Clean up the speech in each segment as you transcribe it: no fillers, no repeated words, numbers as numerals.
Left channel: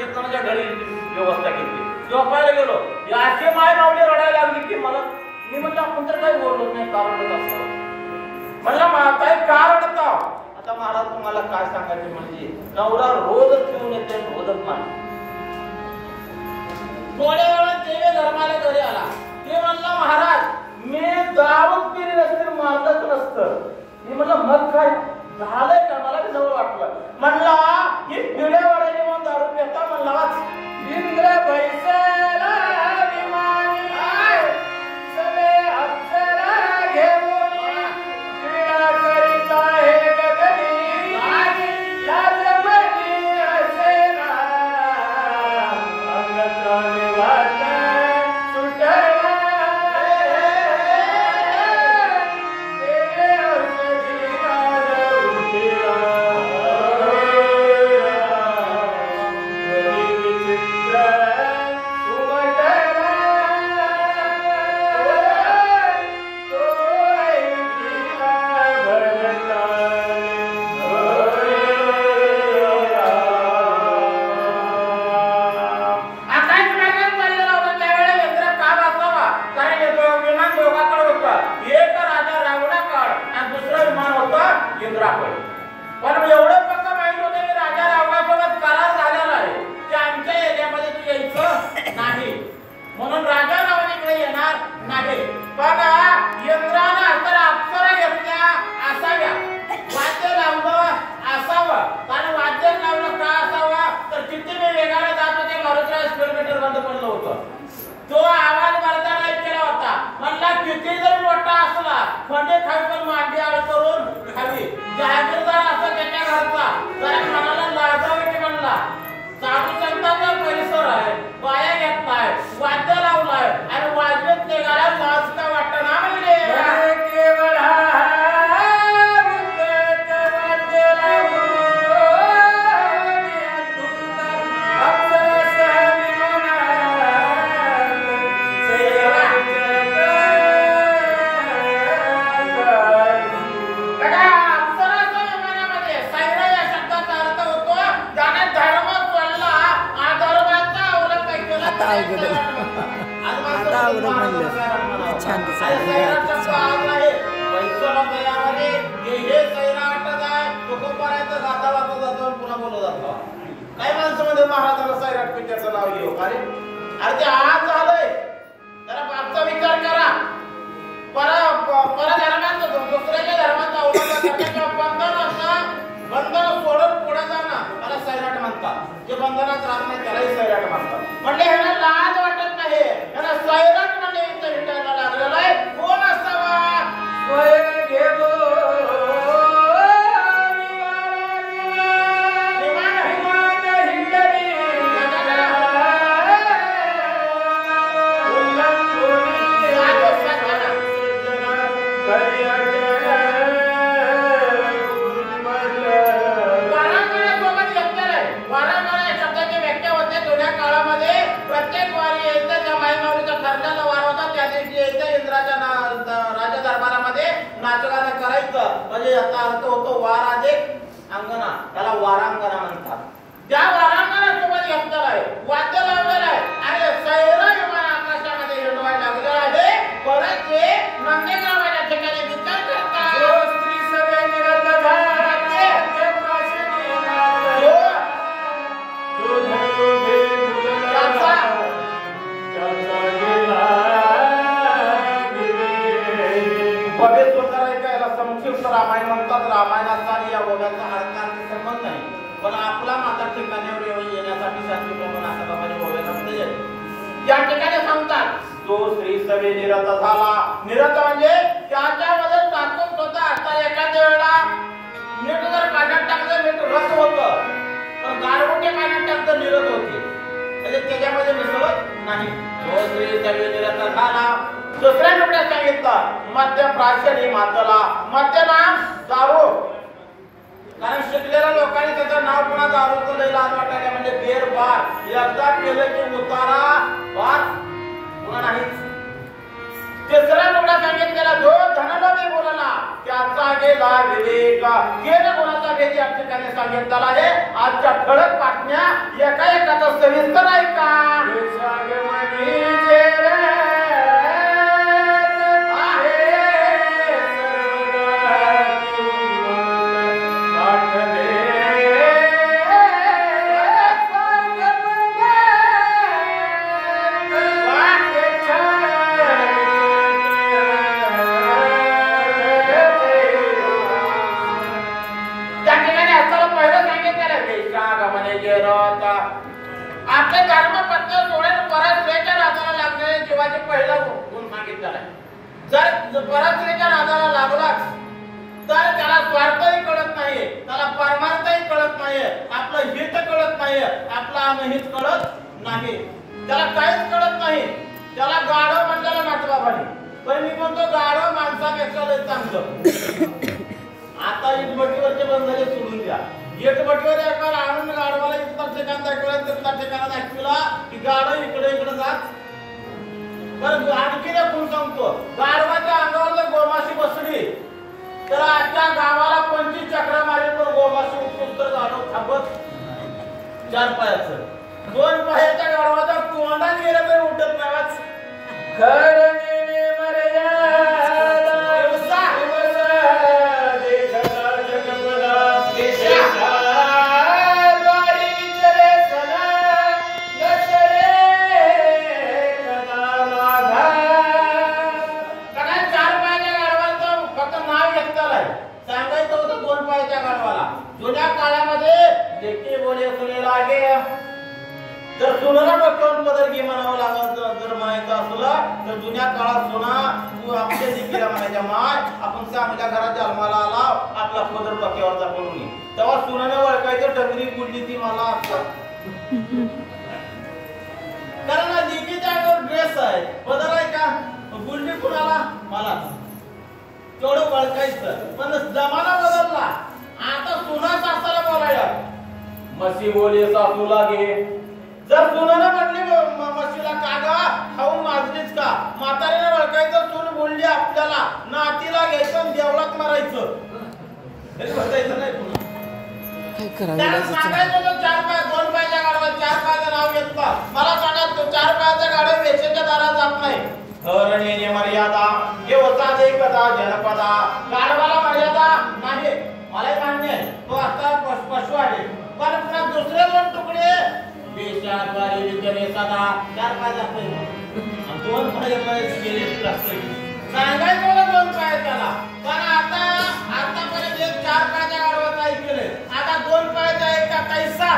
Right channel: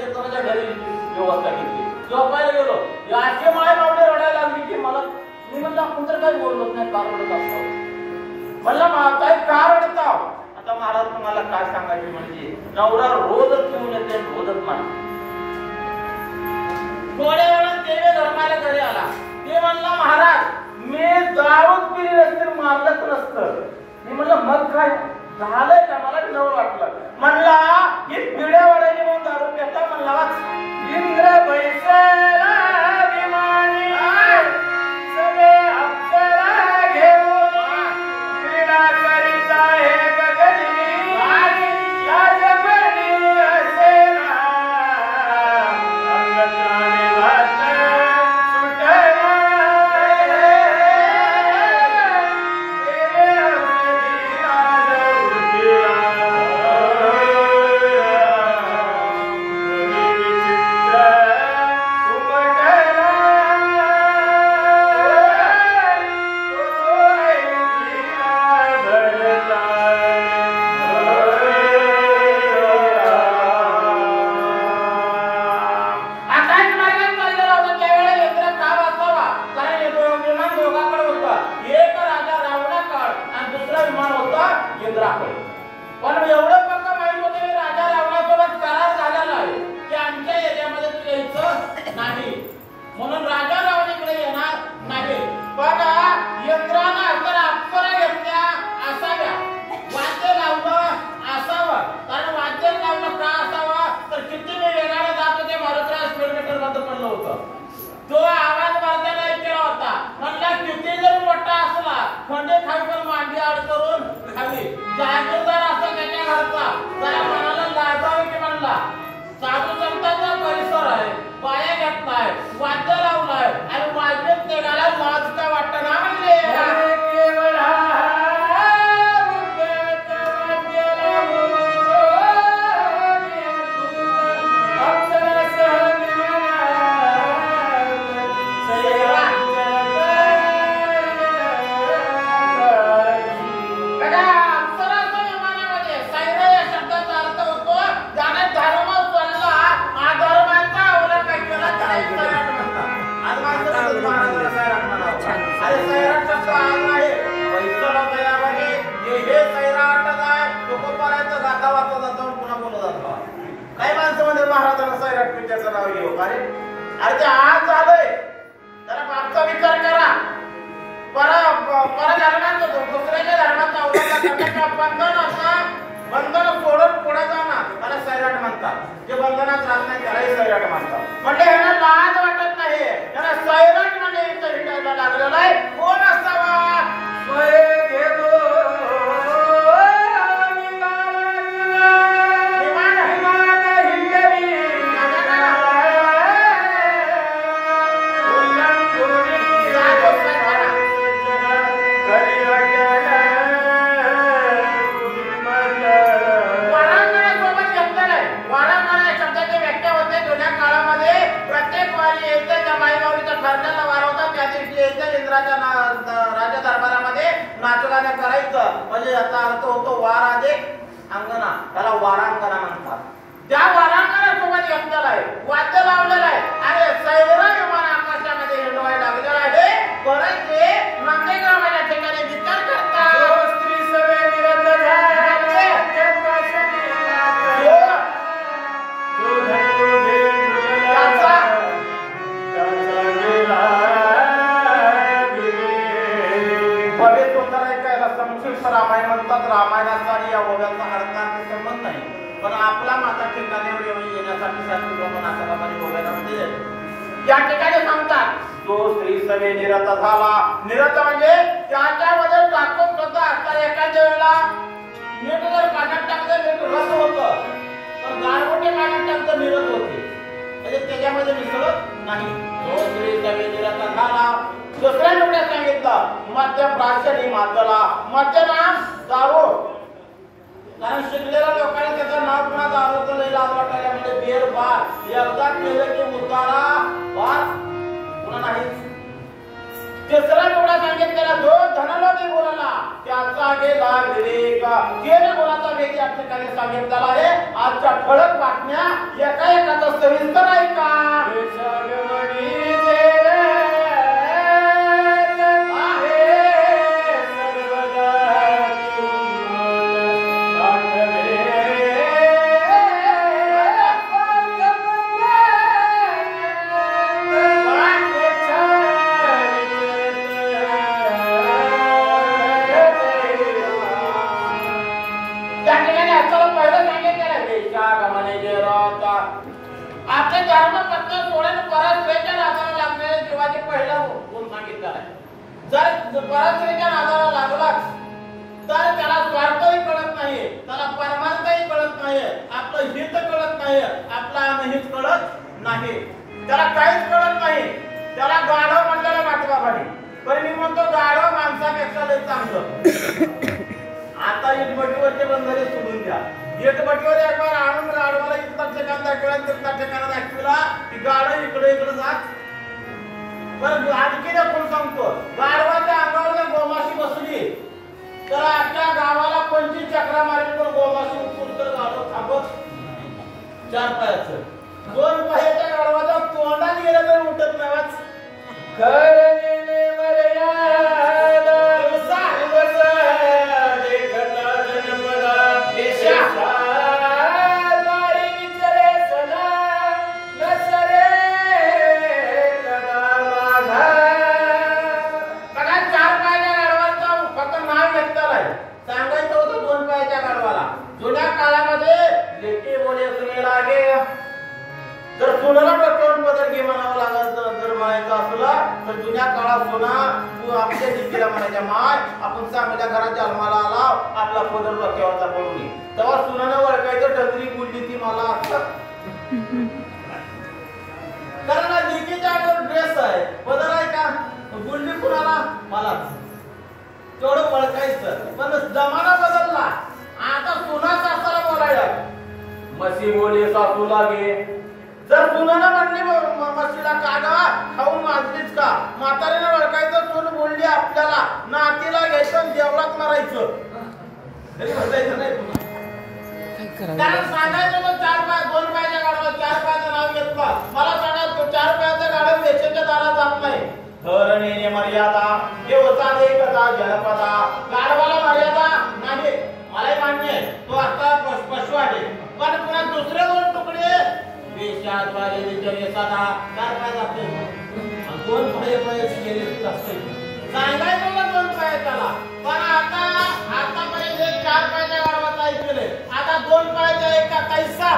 एक जणाच्या घरी व्यवस्था केली. झोपायला गेलो, अशी माय लावली रडायला लागली की मला, मी म्हटलं आपण तर काही बोलत नाही, कारणच असतं म्हणलं काही का रडता. आता महाराज तुम्हाला काय सांगायचे म्हणजे नवरा रोजच घेऊन येते, रोजच नाही. थोड्या वेळात ते धर्माला घरी आला. ते म्हणला महाराज मी दारूच पिली नसते, मारलंच नसतं. मी म्हणलं मग काय झालंय का, मला नवं वाटलं. म्हणला ही पिढ्या वाढायची म्हणून दारू पिता. म्हणला इंद्र बैसेला विमानी सगळे अक्षरा घेऊन क्रीडा करीत आहे गगनी, या जगनी असेना अंगत्राने वाट सुटना. पण एवढं पक्क माहिती होतं की राजा रावणासोबत करार झालेला आहे की आमच्या एरियामध्ये तू यायचं नाही, म्हणून राजा रावणीकडे येणार नाही. पण इंद्रानं तर अप्सरा घेतल्या असाव्या, वाद्य लावलं असावं. कारण वाद्य लावलं का असावं तर किती मी वेगाने जात होते, मारुतीला किलोमीटर बंद पडलं होतं. तो आवाज मारताना ऐकला होता. म्हणला किती जरी मोठा असला म्हणजे खाली पण मांडी आड करून खाली जागृतदार असा त्याच्या घरचा जरा मनाला लाजावे की म्हणला साधू संतांचा परिसर आहे, बाया घेतलाय, वाद्य लावलाय आणि वाजवत निघाला, लाज का वाटत ना म्हणजे काही माणसामध्ये महाराजांना सैराट पिक्चरचं नाव घेऊ. अरे ते आज झालंय, जरा बापचा विचार करा. पर धर्मात दुसऱ्याच्या धर्माचा बंधन सोडून पुढे जाणं मला सैराट म्हणतात. जे बंधनात राहत नाही त्यालाही सैराट म्हणतात. म्हणजे ह्याला लाज वाटत नाही, ह्याला सैराट म्हणजे इथं भेटायला लागलेला आहे. कोण असावा राजा दरबारामध्ये नाचगाणं करायचं. म्हणजे याचा अर्थ होतो वारादे अंगणा, त्याला वारांगणा म्हणतात. त्या वारांगणासोबत घेतलेला आहे, वाद्य लावलेलं आहे आणि सैरा विमान आकाशामध्ये हिंडवायला लागलेला आहे. परत ते नंदेगावाच्या ठिकाणी विचार करतात. स्त्री सगळे निरंतर संक्षिप्त रामायण म्हणतात. रामायणाचा आणि या ओव्याचा अर्थाचा संबंध नाही, पण आपला माता ठिकाणी येण्यासाठी शास्त्री लोकांना असं माझी ओव्यामध्ये या ठिकाणी सांगतात. तो स्त्री सभे निरत झाला. निरत म्हणजे त्याच्यामध्ये टाकून होता. तर एखाद्या वेळेला मीठ जर पाण्यात टाकलं मीठ रस होतं, पण गारगुटे पाण्यात टाकलं निरत होते, म्हणजे त्याच्यामध्ये मिसळत नाही. तो स्त्री सभे निरत झाला. दुसऱ्या लोकांना सांगितलं मध्य प्राचीन मातला, मध्य नाम दारू. कारण शिकलेल्या लोकांनी त्याचं नाव पुन्हा दारूचं लई लाज वाटायला. म्हणजे बेर बार एकदा केलं की उतारा बार पुन्हा नाही. तिसऱ्या लोकांना सांगितलेला जो धनलोभी बोलला त्याचा गेला विवेक. गेल्या गुणाचा भेद या ठिकाणी सांगितलेलं आहे. आजच्या ठळक बातम्या एका सविस्तर ऐका. आपल्या धर्मपत्नी सोडून परस्त्रीच्या नादाला लागणारे जीवाचे पहिलं गुण सांगितलेलं आहे. जर परस्त्रीच्या नादाला लागला तर त्याला स्वार्थही कळत नाहीये, त्याला परमार्थही कळत नाहीये, आपलं हित कळत नाहीये, आपलं अनहित कळत नाही, त्याला काहीच कळत नाही. त्याला गाढव म्हणल्याला वाटवा भारी, पण मी म्हणतो गाढव माणसापेक्षा लय चांगलं. आता इटभट्टीवरचे बंधारे सोडून द्या. इटभट्टीवर एकबार आणून गाढवाला इथं ठिकाण दाखवला, तिथं ठिकाण दाखवला की गाढव इकडे इकडे जात. बरं आणखी कोण सांगतो, गाढवाच्या अंगावर जर गोमाशी बसली तर अख्ख्या गावाला 25 चक्रा मारेल, पण गोमाशी उठून तर गाढव थांबत. 4 पायाचं 2 पायाच्या गाढवाचा तोंडात गेलं तरी उठत नाहीच. जुन्या काळामध्ये लेके बोले सुने लागे तर सुनाला डोक्यावर बदल घे म्हणावं लागत. जर म्हणायचं असलं तर जुन्या काळात सुना तू आपल्या लेकीला म्हणायच्या, माय आपण चांगल्या घरात जन्माला आला, आपला पदर डोक्यावरचा पडून ये. तेव्हा सुनानं वळखायचं टगरी बोलली ती मला असं. कारण लेकीच्या अंगावर ड्रेस आहे, पदर आहे का, बोलली कुणाला मला, तेवढं वळखायचं. पण जमाना बदलला, आता सुना सासाला बोलायला मसी बोले सासू लागे. जर सुनानं म्हणली मशीला कागा खाऊन माजलीच का, म्हातारीला ओळखायचं सून बोलली आपल्याला, नातीला घ्यायचं देवळात मारायचं. तरी बसायचं नाही पुन्हा. त्याला सांगायचं होतं 4 पाय 2 पायाच्या गाडवा 4 पायाचं नाव घेतलं. मला सांगा तो 4 पायाचा गाडव वेचेच्या दारात जात नाही. धरणीने मर्यादा हे होता एकदा जनपदा. गाडवाला मर्यादा नाही, मलाही मान्य आहे, तो आता पशु आहे. पण पुन्हा दुसरे 2 तुकडे वेशाद्वारे विचारे सदा 4 पाय जाते, 2 पाय गेले लागते. सांगायचं 2 पाय त्याला, पण आतापर्यंत 4 पायाच्या गाडवाचं ऐकले, आता 2 पायाचा एका कैसा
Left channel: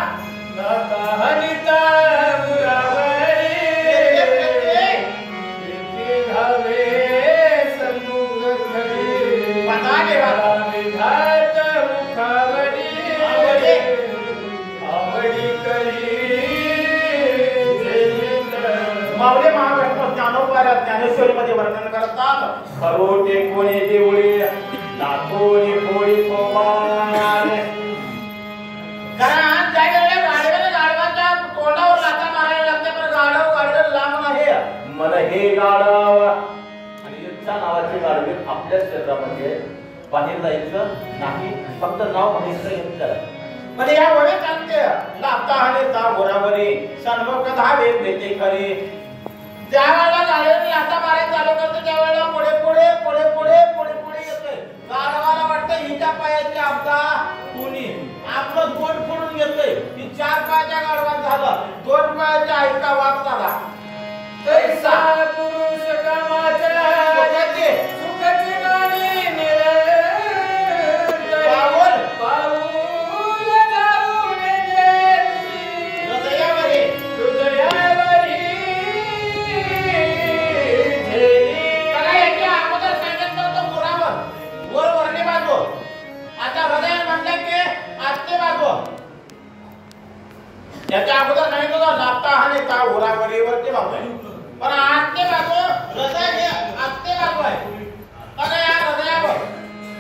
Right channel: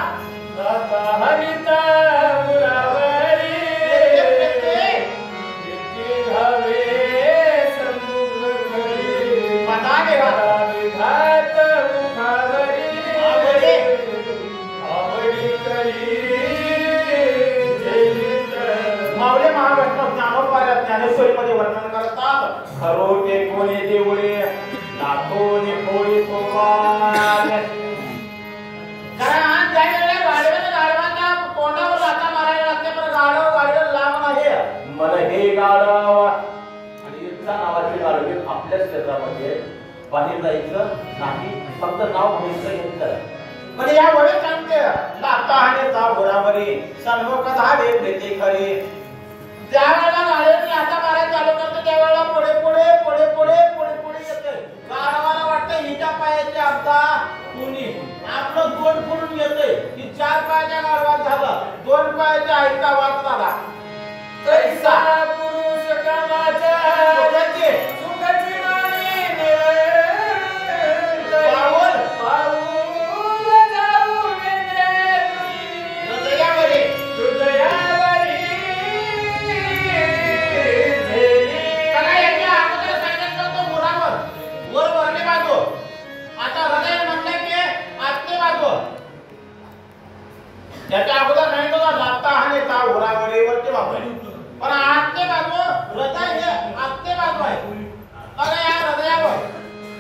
हरिता मावळे महाराष्ट्र ज्ञानोपार्या ज्ञानेश्वरीमध्ये वर्णन करतात. खरोटे कोणी देवळे लाखोनी कोळी कोपाल. कारण गाडवाच्या तोंडावर लाथा मारायला लागते, पण गाडव लांब नाही. मला हे गाडव आणि युद्धा नावाचे गाडवे आपल्या क्षेत्रामध्ये बाहेर जायचं नाही, फक्त नाव माहिती घेतलं. म्हणजे या वळे सांगते लाथा हाणेचा बरोबरी सन्मुख धावे प्रेते खरे. ज्या वेळेला गाडीने लाथा मारायला चालू करते त्यावेळेला पुढे पुढे पुढे पुढे पुढे पुढे येतोय. गाडवाला वाटतं हिच्या पायाची आपदा कोणी आपलं 2 फुलून येतोय की 4 पायाच्या गाडवात झालं, 2 पायाच्या ऐका वाद झाला. तैसा पुरुष कामाचा सुखाची नाणी त्याच्या अगोदर नाही तो लाथा हाणे का उरावरीवरती बाजू आहे, पण आजचे बाजू हृदय हे आजचे बाजू आहे. बघा या हृदयावर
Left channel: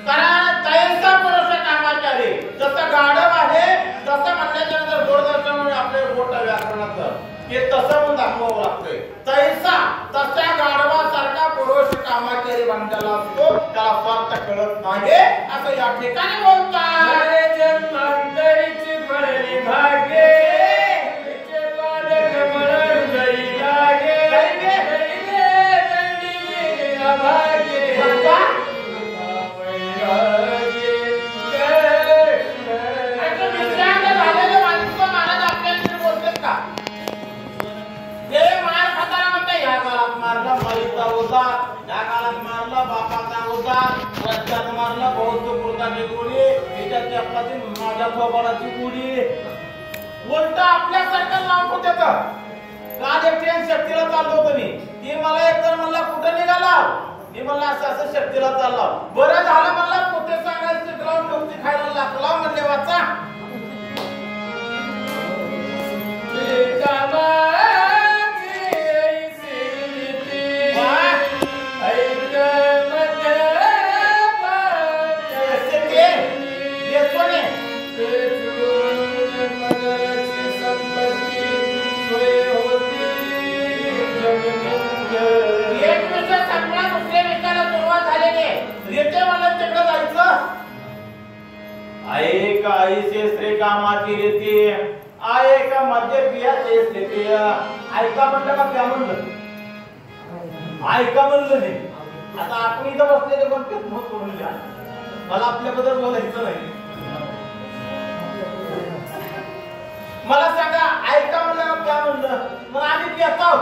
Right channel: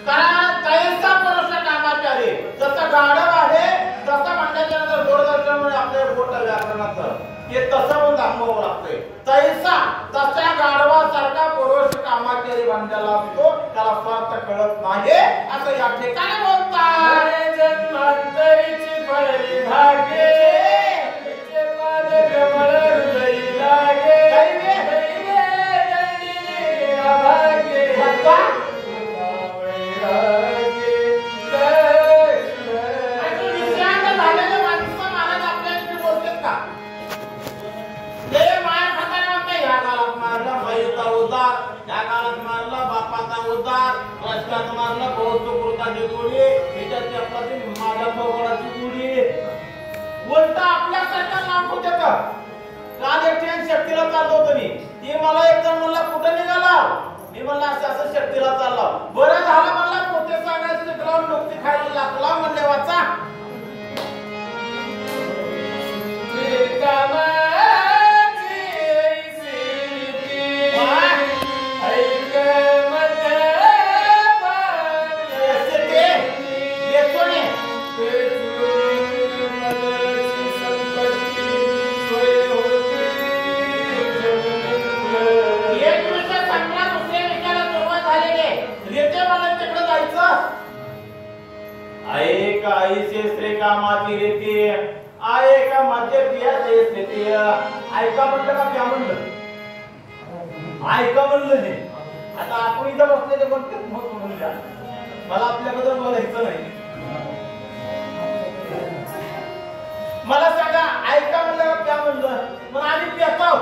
कारण तैसा पुरुष कामाचा रे. जसं गाढव आहे तसं म्हणल्याच्या नंतर दूरदर्शनमुळे आपले बोट व्याकरणाचं हे तसं म्हणून दाखवावं लागतंय. तैसा तशा गाढवासारखा पुरुष कामाचारी बनलेला असतो, त्याला स्वार्थ कळत नाही असं या ठिकाणी बोलतात. आईच्या चपाती माझ्या थोबाडाची उडी उलट आपल्यासारखं नाव होते का काल एकट्याने शक्तीला चाललो होतो मी ती मला एकदा म्हणला कुठे निघाला मी म्हणला असं असं शक्तीला चालला बरं झालं म्हणला पोते सांगायचं लावून डोकती खायला लागला म्हणले वाचा कामाची रीती आहे का मध्य पियाची स्थिती ऐका म्हणलं का क्या म्हणलं ऐका म्हणलं नाही आता आपण इथं बसलेले पण म्हणूया मला आपल्याबद्दल बोलायचं नाही मला सांगा ऐका म्हणलं का क्या म्हणलं मग आम्ही पितो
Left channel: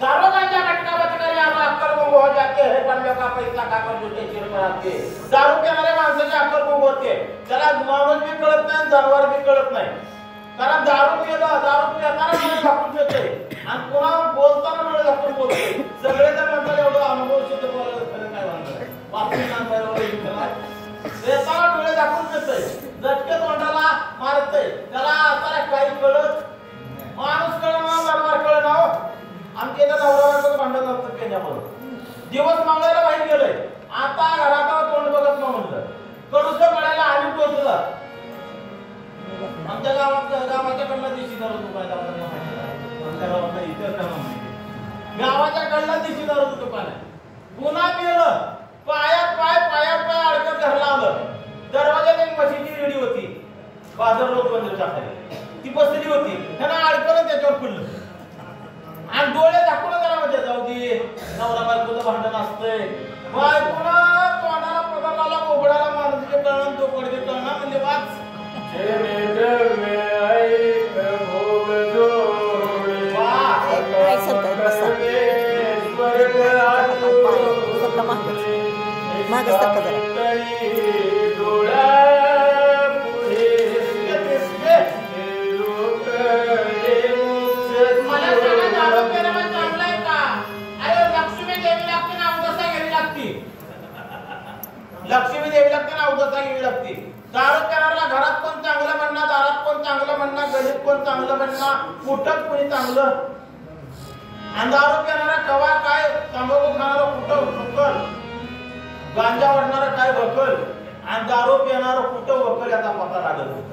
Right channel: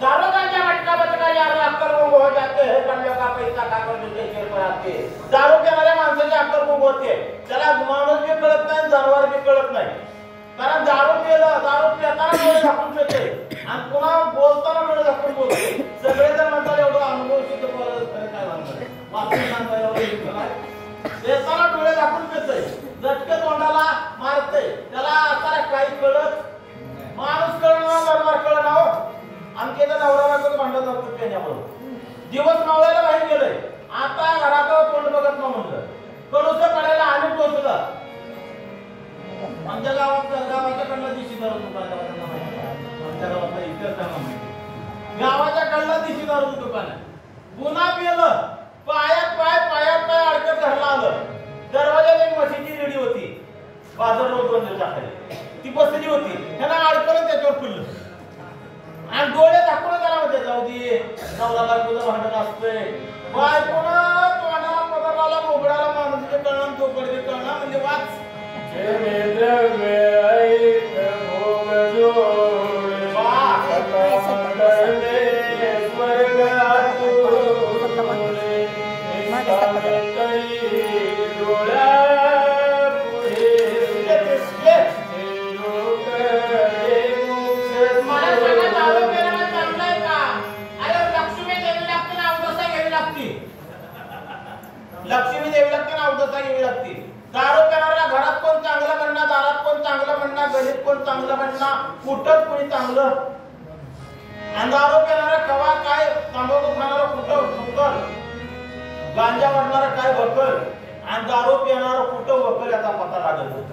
दारोगाच्या मटका बचका याला अक्कल गुम हो जाते हे बंदे का पैसा का कर तुझे शेर पर आते दारू पिणाऱ्या माणसाची अक्कल गुम होते त्याला माणूस बी कळत नाही जनावर बी कळत नाही कारण दारू पिताना डोळे झाकून पिते आणि पुन्हा बोलताना डोळे झाकून बोलते सगळे जर म्हणतात एवढं अनुभव सिद्ध बोलायला खरं काय म्हणतात वापरून सांगायला देताना डोळे झाकून पिते झटके तोंडाला मारते त्याला आता काही कळत माणूस कळणार दरबार कळणार आमच्या इथं नवरा भांडण नव्हतं त्याच्यामुळे दिवस मावळायला बाहेर गेलोय आता घरात तोंड बघत न म्हणलं कडूस पडायला आणि टोचलं आमच्या गावाच्या कडला दिशी दारू दुकान आमच्या गावात इतर गावाच्या कडला दिशी दारू दुकान आहे पुन्हा पिलं पायात पाय अडकत घरला आलं दरवाजात एक म्हशीची रेडी होती बाजार रोज बंद टाकायची ती बसली होती त्याला अडकलं त्याच्यावर पडलं आणि डोळे झाकून त्याला म्हणजे जाऊ दे नवरा बायकोचं भांडण असतंय बायकोनं तोंडाला पगाराला मोबडाला माणूसचे कळण चोपडचे कळणं म्हणजे वाच लक्ष्मी देवी लागते ना अवधसा घ्यावी लागते दारू पिणाऱ्याला घरात कोण चांगलं म्हणणार दारात कोण चांगलं म्हणणार गणित कोण चांगलं म्हणणार कुठं कोणी चांगलं आणि दारू पिणारा कवा काय तंबाखू खाणारा कुठं भुकल गांजा वडणारा काय भकल आणि दारू पिणारा कुठं वकल याचा पत्ता लागत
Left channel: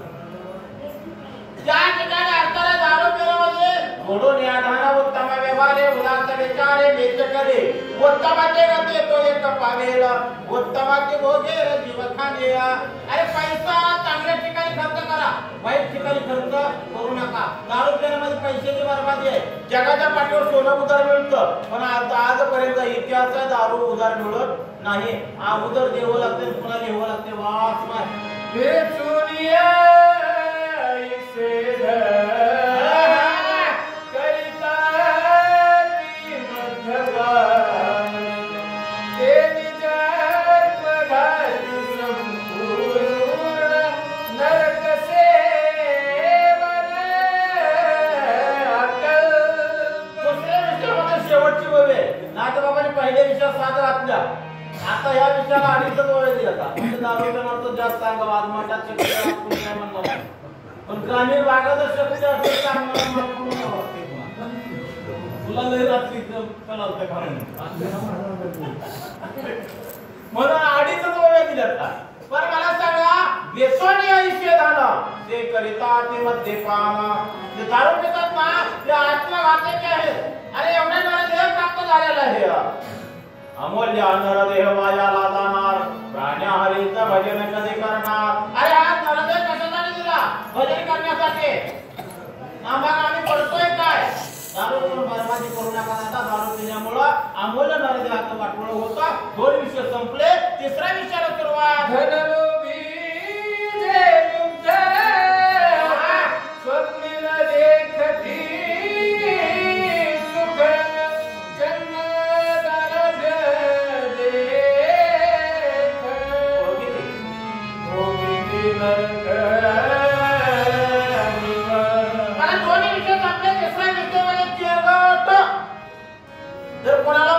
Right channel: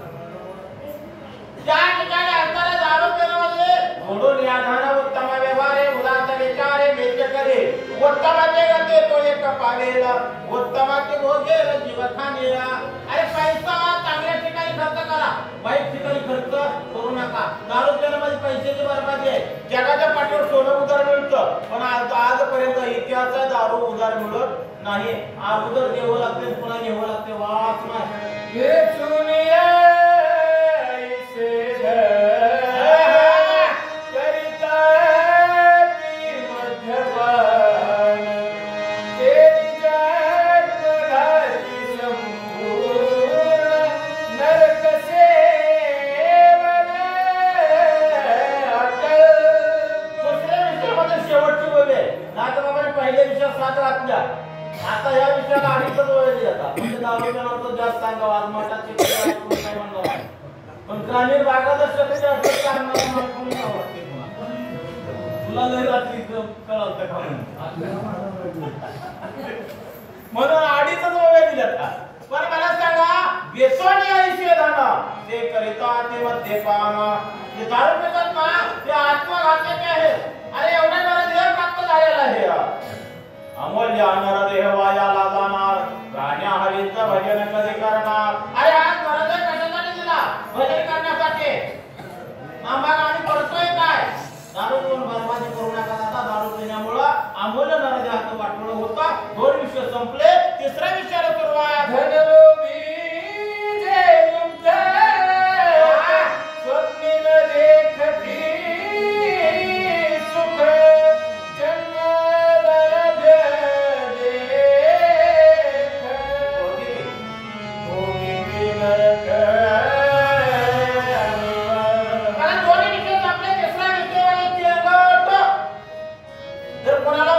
ज्या ठिकाणी असताना दारू पिणं म्हणजे म्हणून या धाना उत्तम व्यवहारे मुलांचा विचारे वेद्य करे उत्तमाचे गते तो एक पावेला उत्तमाचे भोगे जीव खाणेला अरे पैसा चांगल्या ठिकाणी खर्च करा वाईट ठिकाणी खर्च करू नका दारू पिण्यामध्ये पैशाची बर्बादी आहे जगाच्या पाठीवर सोनं उधार मिळतं पण आजपर्यंत इतिहास आहे दारू उधार मिळत नाही अगोदर देवं लागते पुन्हा घ्यावं लागते वाच पहिले विषय साधा आपल्या आता या विषयाला अडीच वेळ दिला म्हणजे दारूच्या अर्थ जास्त सांगावं आज मठाचे नाही म्हणलं पण ग्रामीण भागात शक्य असं सांगणार तुला लय रात्री कळवतं का म्हणून अडीच वेळ दिला पण मला सांगा बेसोनी विषय झाला ते करिता ते मद्यपान ते दारू पितात ना ते आत्मघातक आहे अरे एवढ्या देह प्राप्त झालेला आहे अमूल्य अन्नर देह वायाला जाणार गाण्या हरीचं भजन कधी करणार अरे आज नरदेह कशासाठी दिला भजन करण्यासाठी आम्हाला आम्ही करतोय काय दारू पिऊन बरबादी करू नका आता दारू पिण्यामुळं अमूल्य नरदेहाचं वाटोळं होतं दोन विषय संपले तिसऱ्या विषयाला सुरुवात धनलोभी जे तुमच्या स्वप्नील देखती दोन्ही विषय आपले तिसरा विषय चिरगट. जर कोणाला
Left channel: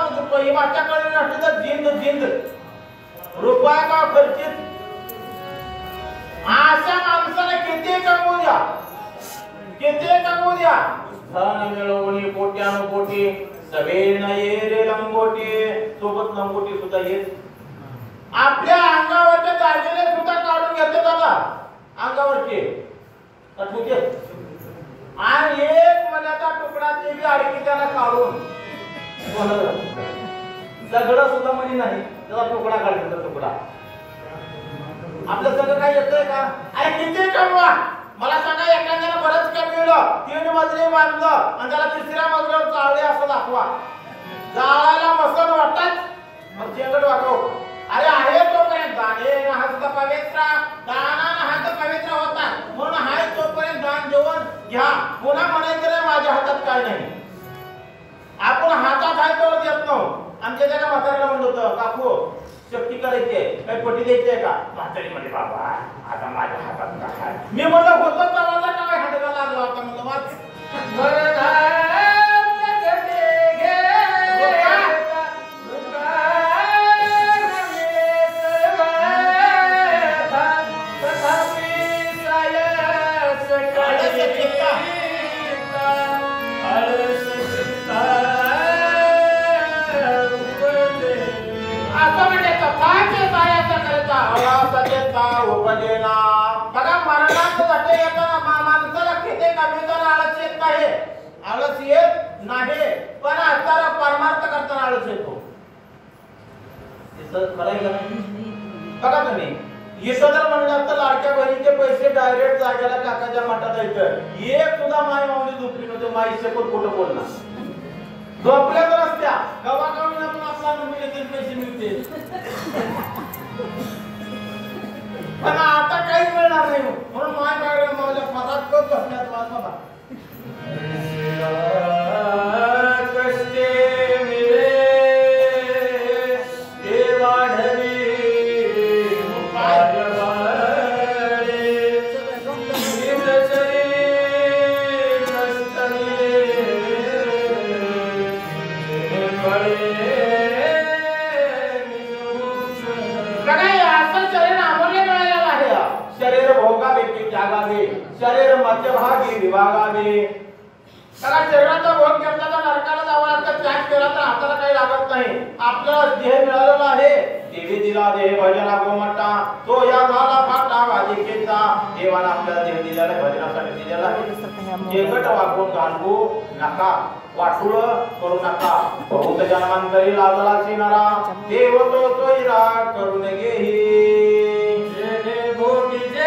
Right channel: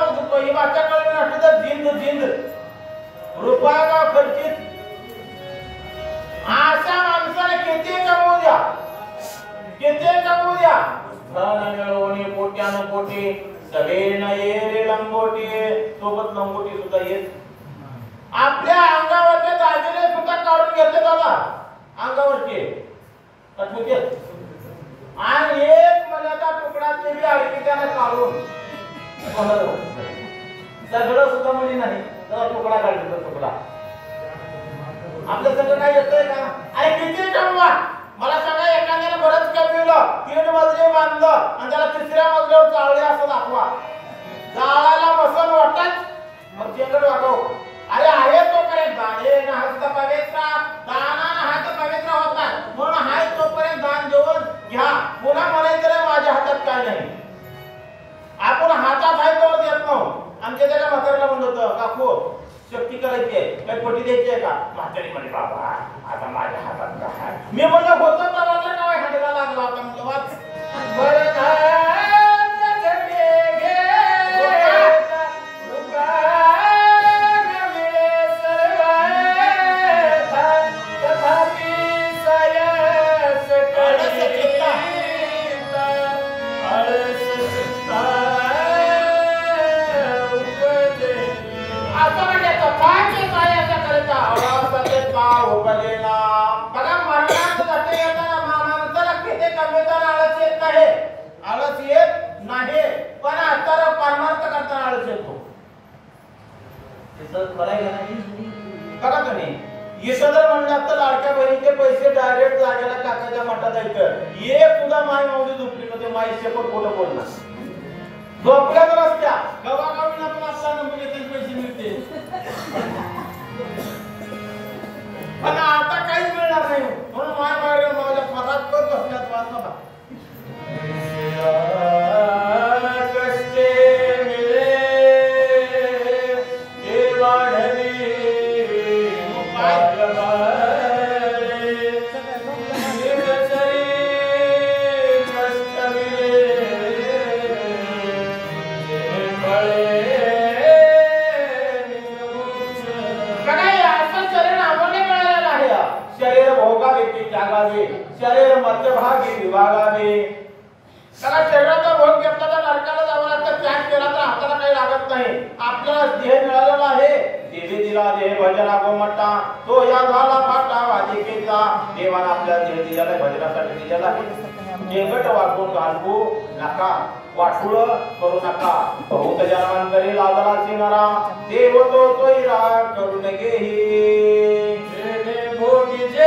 वाच्याकडे नसलं तर जिंद रुपया का खर्चित. अशा माणसाने किती कमवू द्या धन मिळवणी कोट्यानु कोटी सवेन ये रे लंगोटी. सोबत लंगोटी सुद्धा येत. आपल्या अंगावरचे दागिने सुद्धा काढून घेते दादा अंगावरचे आणि एक मल्याचा तुकडा ते बी अडकी त्याला काढून सगळं सुद्धा म्हणजे नाही त्याचा तुकडा काढला. तुकडा आपलं सगळं काय येतंय का? अरे किती कमवा मला सांगा. एखाद्याने बरंच कमविलं 3 मजले बांधलं आणि त्याला 3ऱ्या मजल्यावर जाळले असं दाखवा. जाळायला बसन वाटत मग चेंगट वागव. अरे आहे तोपर्यंत दाने हस्त पवित्र दानानं हात पवित्र होतात म्हणून हाय तोपर्यंत दान देऊन घ्या. पुन्हा म्हणायचं माझ्या हातात काय नाही. आपण हातात आहे तो देत नव्हतो. आमच्या त्याला म्हातारीला म्हणत होतं काकू शक्ती करायची आहे काही पट्टी द्यायची आहे का? म्हातारी म्हणजे बाबा आता माझ्या हातात काय. मी म्हणलं होतं तवाचं नाव हाताला लागलं होतं म्हणलं वाच बघा मरणात जाते येताना माणसाला किती कमीदार आळस येत नाही. आळस येत नाही पण आता परमार्थ करताना आळस येतो. बघा तुम्ही यशोधर म्हणलं तर लाडक्या बहिणीचे पैसे डायरेक्ट जाग्याला काकाच्या मठात येतं. एक सुद्धा माई माऊली झोपली नव्हती. माई शेपट खोटं बोलणार झोपल्या तर असत्या गवागावीला पण आपला नंबर येते पैसे मिळते. पण आता काहीच मिळणार नाही म्हणून माझ्या फरात करत बसल्यात वाचला. कष्टे मिळे देवाढवी शरीर मध्यभागी विभागावे. त्याला शरीराचा भोग घेतला तर नरकाला जावं लागतं. त्याग केला तर हाताला काही लागत नाही. आपल्याला देह मिळालेला आहे. देवी दिला देह भजना गोमटा तो या झाला फाटा वालिकेचा. देवाला आपल्याला देह दिलेला भजनासाठी दिलेला आहे. केंगट वागून घालवू नका वाटुळ करू नका. बहुत जन्मांतरी लाजला सिनारा देव तो तोयरा करून घेही. भोगीचे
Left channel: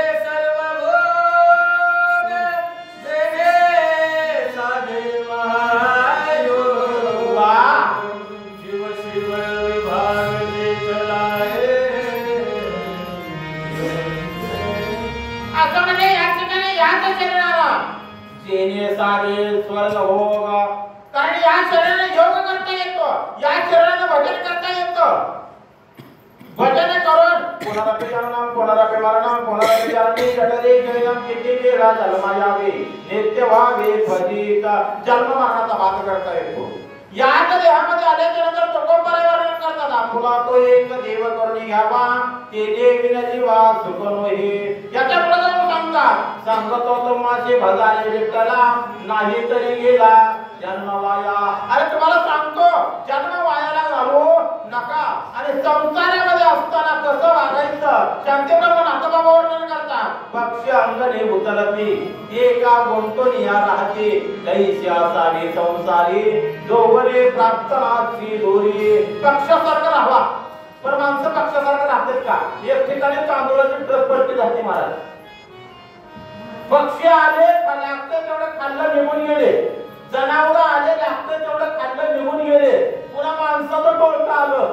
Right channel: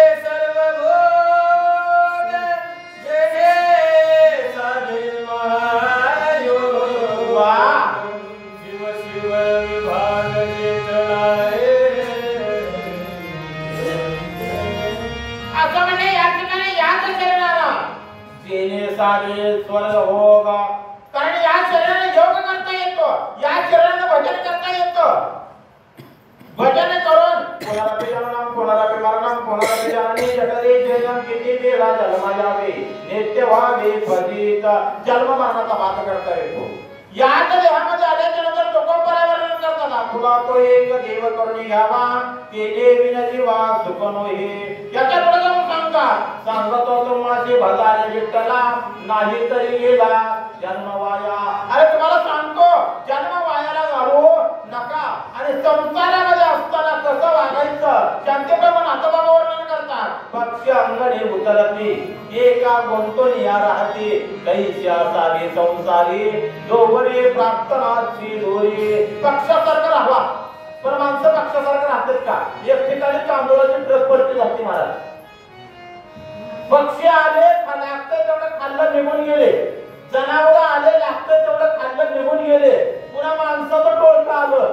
स्वर्ग होग. कारण या शरीराने योग करता येतो. या शरीराने भजन करता येतं. भजन करून कोणाला पिलाना कोणाला पिमारना कोणाला पिलानी जटले जयम किती वेळा जन्म यावे नित्य व्हावे फजित. जन्म मरणाचा भाग करता येतो. या देहामध्ये आल्याच्यानंतर तुकोबाला वर्णन करताना तुला तो एक देव करून घ्यावा केले विनची वाघ सुखनोही. याच्या पुढे जाऊन सांगतो तुम्हाचे भजाने विठ्ठला नाही तरी गेला जन्म वाया. अरे तुम्हाला सांगतो जन्म वायाला घालू नका. आणि संसारामध्ये असताना कसं वागायचं शांतीप्रमाणे हातबाबा वर्णन करतात. पक्ष अंगणी उतरती एका गुंतोनिया राहते दैस्या सारी संसारी दोवरे प्राप्त आची दोरी. पक्षासारखं राहावा पण माणसं पक्षासारखं राहतात का? एक ठिकाणी तांदूळाची ट्रक पडती जाते महाराज. पक्षी आले लागतं तेवढं खाल्लं निघून गेले. जनावर आले लागतं तेवढं खाल्लं निघून गेले. पुन्हा माणसाचं टोळकं आलं.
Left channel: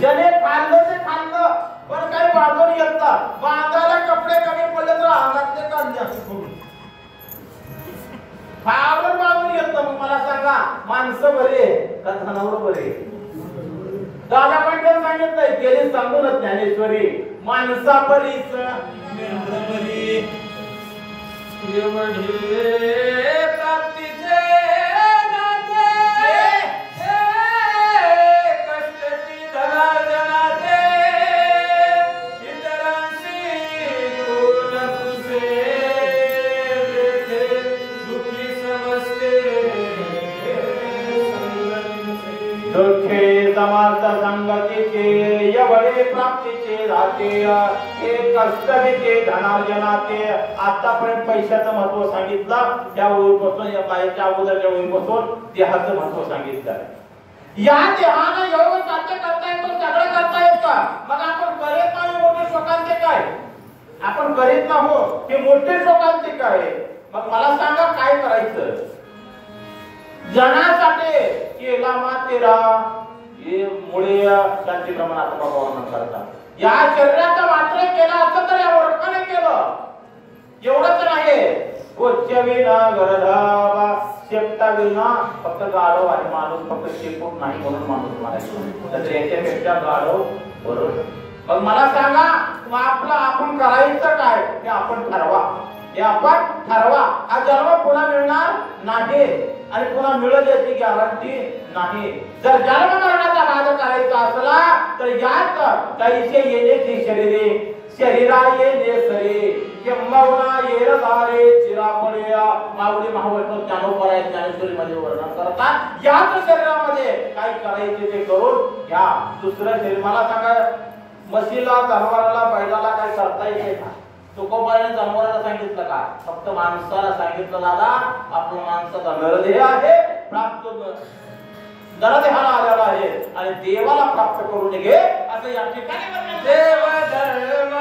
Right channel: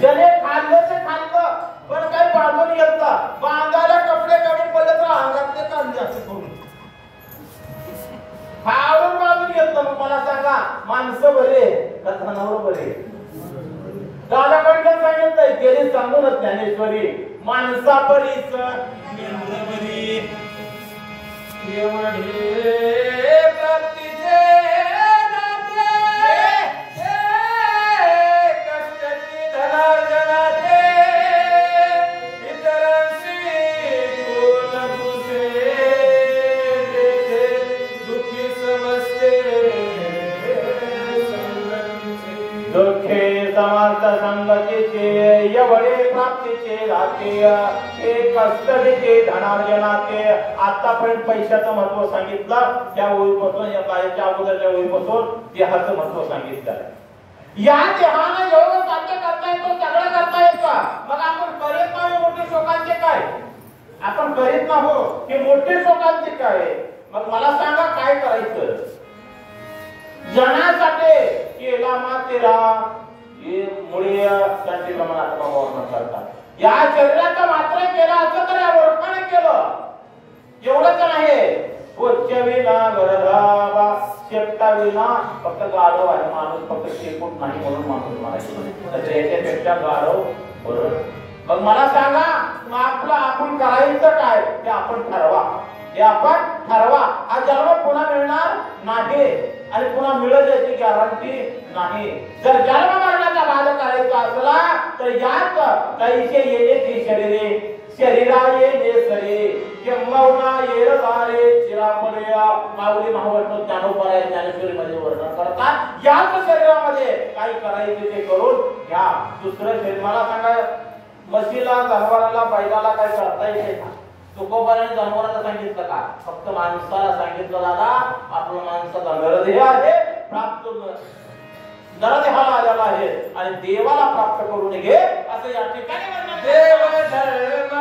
ज्याने खाल्लं ते खाल्लं पण काही बांधून येत बांधायला कपडे कमी पडले तर अंगातले ताण जास्त करून फावून बांधून येत. मग मला सांगा माणसं बरे का जनावर बरे? दादा पटकन सांगितलंय गेली सांगूनच ज्ञानेश्वरी माणसा परीस मेंढर बरी एवढे प्राप्तीचे संगतीचे एवढे प्राप्तीचे राहते हे कष्टचे धनार्जनाचे. आतापर्यंत पैशाचं महत्व सांगितलं त्या ओळीपासून या बाईच्या अगोदरच्या ओळीपासून देहाचं महत्व सांगितलं. या देहाने एवढं साध्य करता येतो सगळं करता येतं. मग आपण करीत नाही मोठे शोकांचे काय आपण करीत नाहो हे मोठे शोकांचे काय. मग मला सांगा काय करायचं जनासाठी केला मातेरा हे मुळे शांती प्रमाणात वर्णन करतात. या शरीराचं मात्र केलं असं तर या वृक्षाने केलं एवढंच नाही. उच्चविना गरधावा शेपटाविना फक्त गाढव आहे माणूस फक्त शेपूट नाही म्हणून माणूस मारायचं तर याच्यापेक्षा गाढव बरोबर. मग मला सांगा आपलं आपण करायचं काय ते आपण ठरवा. हे आपण ठरवा. हा जन्म पुन्हा मिळणार नाही आणि पुन्हा मिळेल याची गॅरंटी नाही. जर जन्म मरणाचा भाग करायचा असला तर यात तैसे येणे शरीरे शरीरा येणे सरे किंबहुना येरधारे चिरापड्या माऊली महावैष्णव ज्ञानोबा ज्ञानेश्वरीमध्ये वर्णन करतात. याच शरीरामध्ये काय करायचे ते करून घ्या. दुसरं शरीर मला सांगा म्हशीला जनावराला बैलाला काय करता येते का. तुकोबाने जनावराला सांगितलं का फक्त माणसाला सांगितलं दादा आपलं माणसाचा नरदेह आहे प्राप्त नरदेहाला आलेला आहे आणि देवाला प्राप्त करून घे असं या ठिकाणी म्हणतात. देव धर्म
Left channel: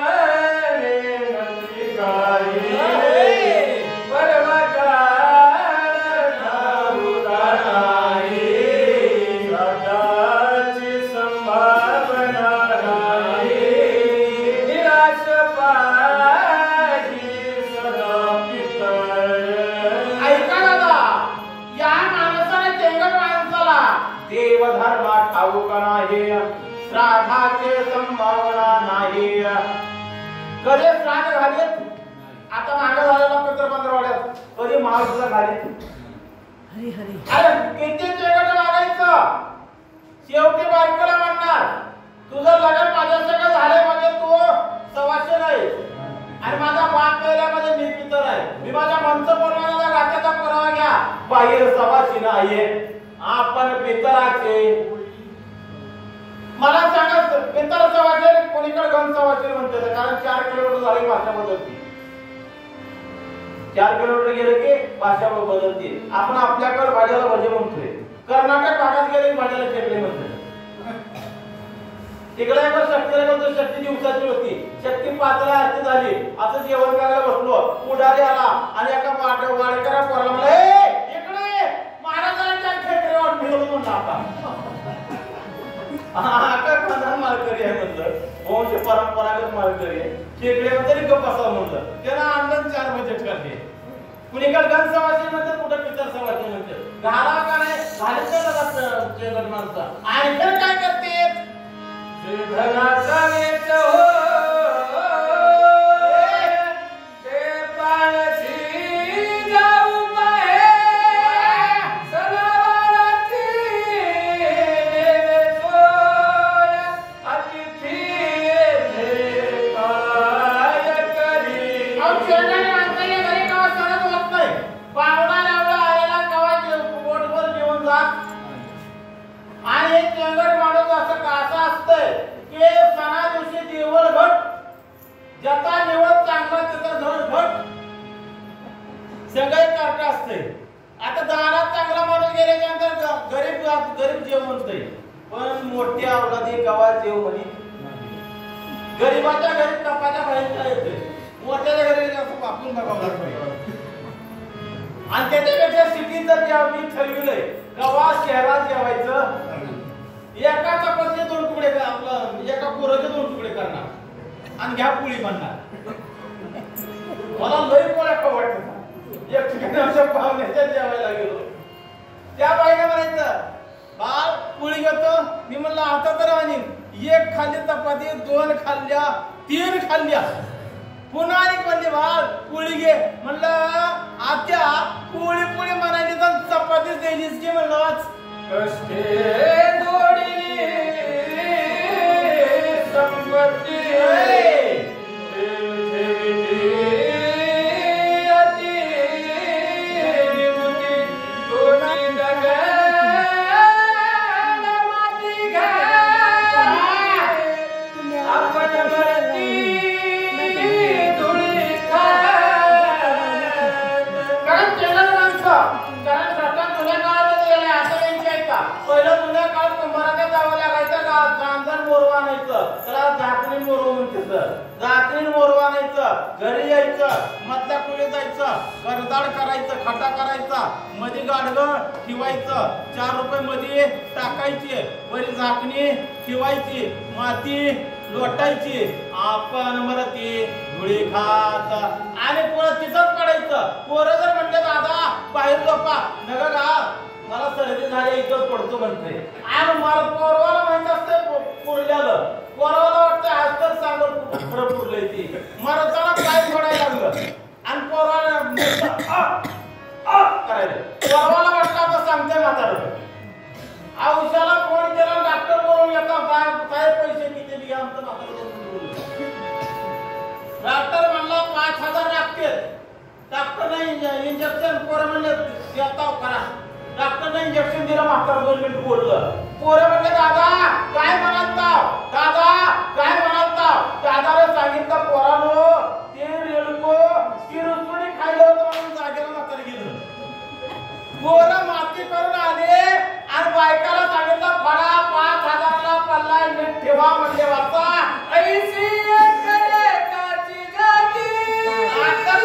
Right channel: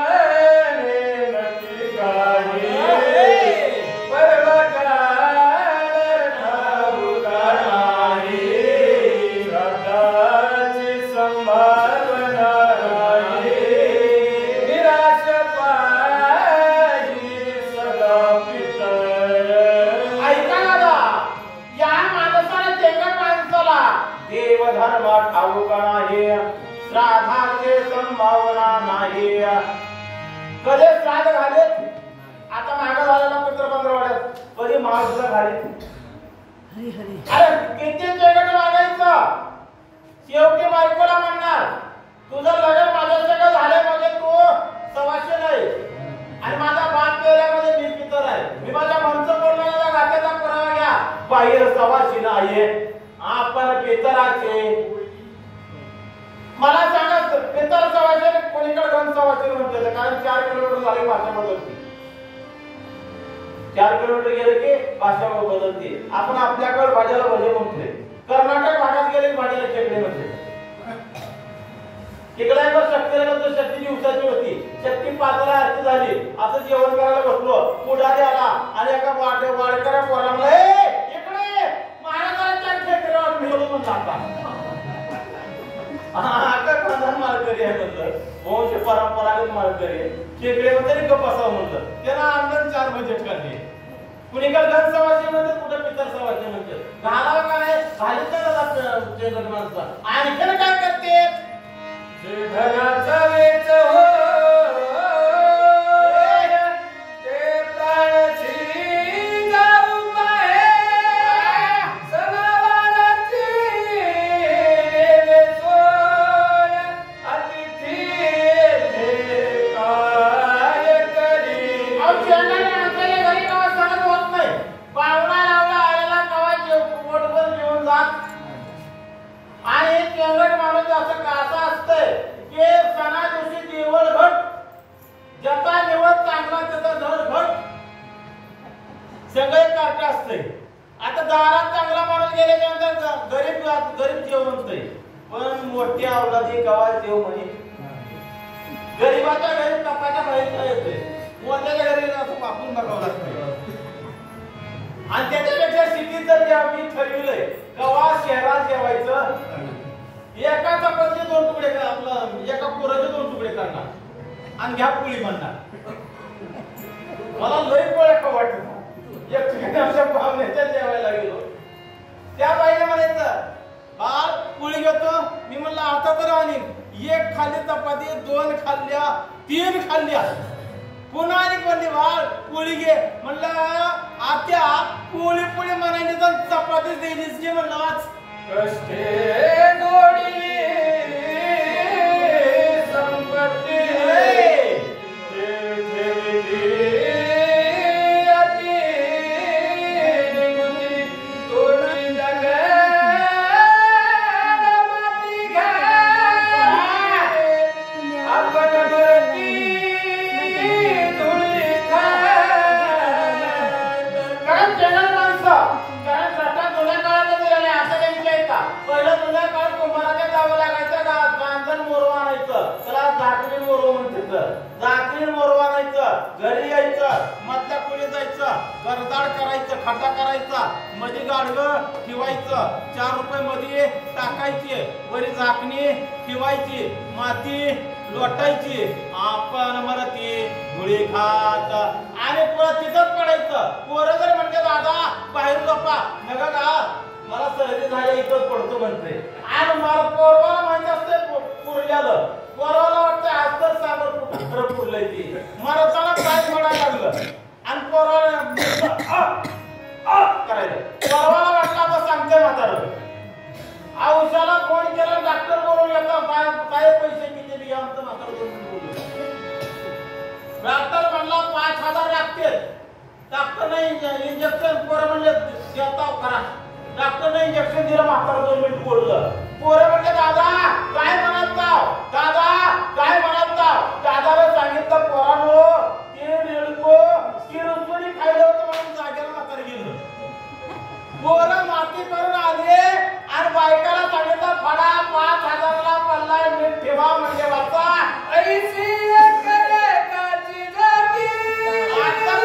श्राद्धाचे संभावना नाही. कधी श्राद्ध घालेत आता मागे झालेला पित्र पंधरवड्यात कधी महाराष्ट्र घालेत हरी हरी अरे किती जगत लागायचं. शेवटी बायकोला म्हणणार तुझं लग्न माझ्या सगळं झालंय म्हणजे तू सवाशे नाही आणि माझा बाप केल्यामध्ये मी पितर आहे. मी माझ्या माणसं बोलण्याचा गात्याचा पुरावा घ्या. बाहेर सवाशी नाहीये आपण पितराचे. मला सांगा पितर सवाशे कोणीकडे घन सवाशे म्हणते कारण 4 किलोमीटर झाली भाषा बदलते. 4 किलोमीटर गेले की भाषा बदलते. आपण आपल्याकडे भाज्याला भजे म्हणतोय कर्नाटक भागात गेले भाज्याला खेकडे म्हणतोय. तिकडे शक्ती दिवसाची होती शक्ती पातळी आरती झाली असं जेवण करायला बसलो पुढारी आला आणि एका वाडकऱ्या पोराला इकडे महाराजांच्या खेकड्यावर ठेवलं म्हणून प्रधान माळकरी आहे म्हणलं वंश परंपरागत माळकरी खेकडे तरी गप्प असावं म्हणलं त्यांना आनंद 4 महिने काढले. कुणीकडे घन सवाशी म्हणतात कुठे पितर सवाशी म्हणते घालावं का नाही घालीच माणसं आणि काय करते धनाचा वेच हो ते प्राणाची जाऊ पाहे सगळवाराची सोय अतिथी काय करी. औषधाने माणसाला घरी कवा सहज होत नाही. पाहुणा लावला आलेला कवा पोटभर जेवून जात आणि एक केंगट माणूस असं कासा असतंय की सणा दिवशी देवळ घट ज्याचा निवड चांगला त्याचा घर घट सगळे कार्ट असतंय. आता दारात चांगला माणूस गेल्यानंतर गरीब जेव म्हणतोय पण मोठी अवलादी गवा जेव म्हणे. गरीबाच्या घरी तपायला बाहेर येतोय मोठ्याच्या घरी असं वापरून बघावं लागतं. आणि त्याच्यापेक्षा सिटीत जर मी ठरविलंय गवा शहरात जेवायचं एका चपातीचे 2 तुकडे आपलं एका पुराचे 2 तुकडे करणार आणि घ्या पोळी बनणार. मला लई पोळ्या वाटत एक ठिकाणी आमच्या पाहुण्याच्या जेवायला गेलो त्या बाईने म्हणायचं बाळ पोळी घेतो. मी म्हणलं आता तर आणीन. एक खाल्ली चपाती, 2 खाल्ल्या, 3 खाल्ल्या. पुन्हा आणि म्हणली बाळ पोळी घे. म्हणलं आत्या पोळी पोळी म्हणाली तर चपाती द्यायलीच की. म्हणलं आज कष्टे गोडी संपत्ती घरी यायचं, मधल्या खोलीत जायचं, गरदाड करायचं, खड्डा करायचा, मध्ये गाडगं ठेवायचं, 4 रुपये मध्ये टाकायचे, वरी झाकणी ठेवायची, माती लोटायची, आपण मरती धुळी खात आणि परत तिथंच पडायचं. पोरं जर म्हणते दादा बाहेर झोपा नका का मला सर्दी झाली इथं पडतो म्हणते. आणि मला पोरवाला माहिती असतं पुरल्यालं, पोरवाला वाटतं आज तर सांगत पुरलंय ती मरताना काय म्हणायला लागलं आणि पोरवाला करायचं. पोरवाला वाटतं आता सांगते म्हातारं. औषधाला फोन केला, डॉक्टर बोलून येतो काय पैसे किती दिले आमचं म्हातारं बोलून. डॉक्टर म्हणला 5000 लागतील. डॉक्टरने इंजेक्शन पोरं म्हणले देताव करा. डॉक्टरने इंजेक्शन दिलं, म्हातारं 2 मिनिट बोललं. पोरं म्हणले दादा काय म्हणालताव, दादा काय म्हणालताव. दादाला सांगितलं पोरानो ते रेल्को ती रुसुनी खायला होतं म्हणून जागेला म्हातारं गेलं. पोरं माती करून आले आणि बायकाला सांगितलं फडा 5000ला पल्ला मीठ ठेवा म्हणजे वाचा ऐसी करे काची जागी आता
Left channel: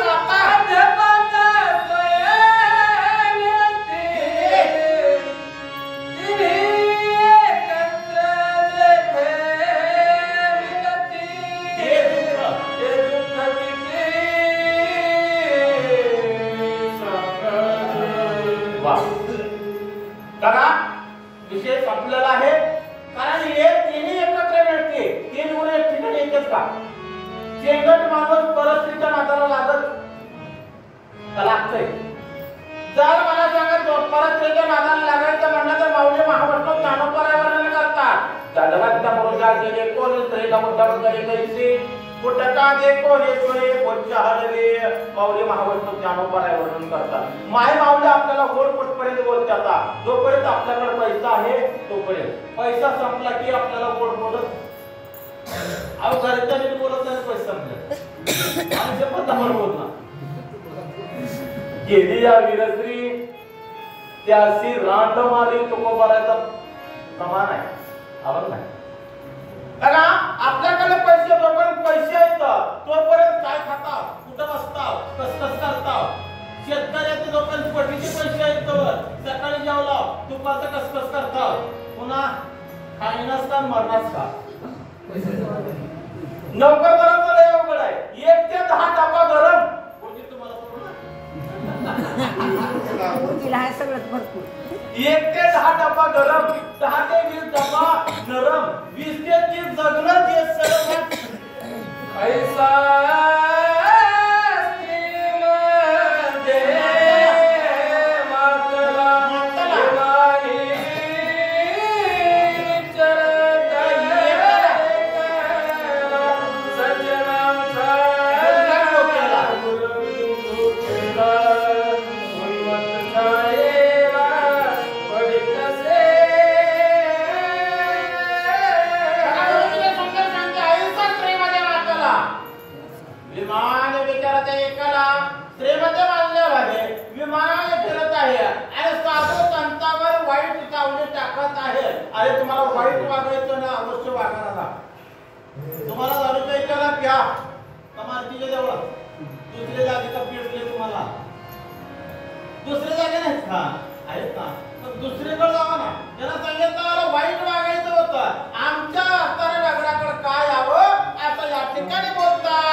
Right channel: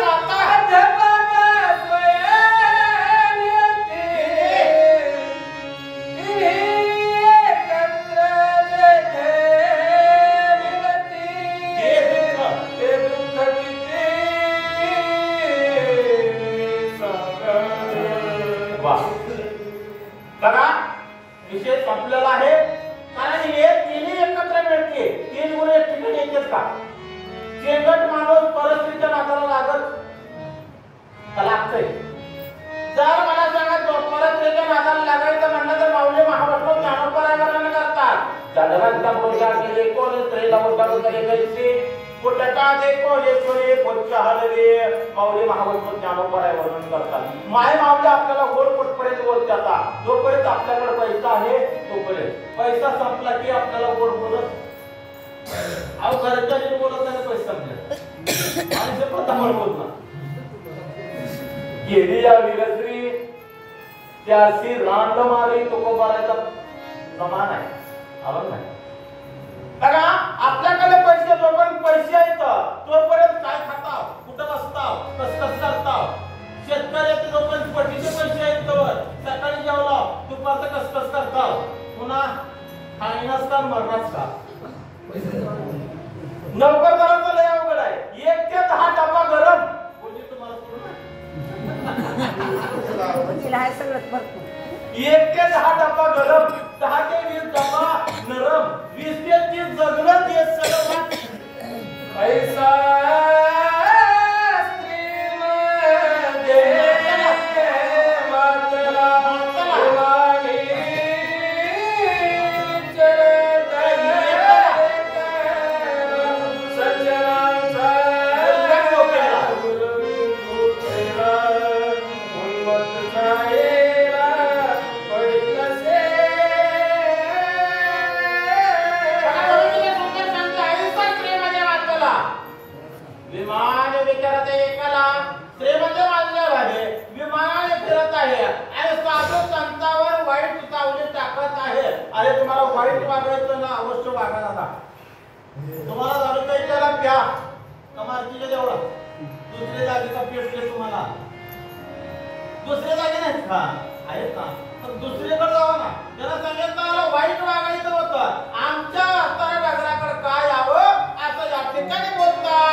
विषय संपलेला आहे. कारण हे तिन्ही एकत्र मिळते. 3 गुण एक ठिकाणी येतेच का. चेंगट माणूस परिस्थितीच्या नादाला लागतंय. जर मला सांगा परिस्थितीच्या नादाला लागायचं म्हणलं तर माऊली महावस्त्र ज्ञानोबराय वर्णन करतात. चंद्राच्या मुद्दा गेले कोण स्त्रीला मुद्दा कैसे कुटका दे कोणे सोने बोच्चा हलवे. माऊली महावस्त्र ज्ञानोबराय वर्णन करतात. माय माऊली आपल्याला गोड कुठपर्यंत बोलतात. जोपर्यंत आपल्याकडे पैसा आहे तोपर्यंत. पैसा संपला की आपल्याला गोड बोलत अहो घरच्या जे बोलत नाही पैसा मिळत आमच्या पतावर बोलणार. गेली या विरश्री त्याशी रांड मारी तुकोबारायचा समान आहे. आवड नाही बघा. आपल्याकडे पैसे जोपर्यंत पैसे आहेत तोपर्यंत काय खाताव, कुठं बसताव, कसं करताव. शेतकऱ्याचे जोपर्यंत पटीचे पैसे आहेत तोवर सकाळी जेवला दुपारचं कसं करताव. पुन्हा खाण्यास का मरणास का. नोकरदाराचं लय अवघड आहे. 1 ते 10 डबा गरम कोणी तुम्हाला पुढे 1 ते 10 डबा गरम, 10 ते 20 डबा नरम, 20 ते 30 जगणं ते सरम. ऐसा वाईट वागायचं ना अवश्य वागायला. तुम्हाला दारू प्यायला प्या कमारतीच्या जवळ दुसऱ्या जागी का पेटले तुम्हाला दुसऱ्या जागी नाही का आहेत ना पण दुसरीकडे जावा ना. त्याला सांगितलं मला वाईट वागायचं होतं. आमच्या असणाऱ्या नगराकडे काय यावं असं या ठिकाणी बोलतात.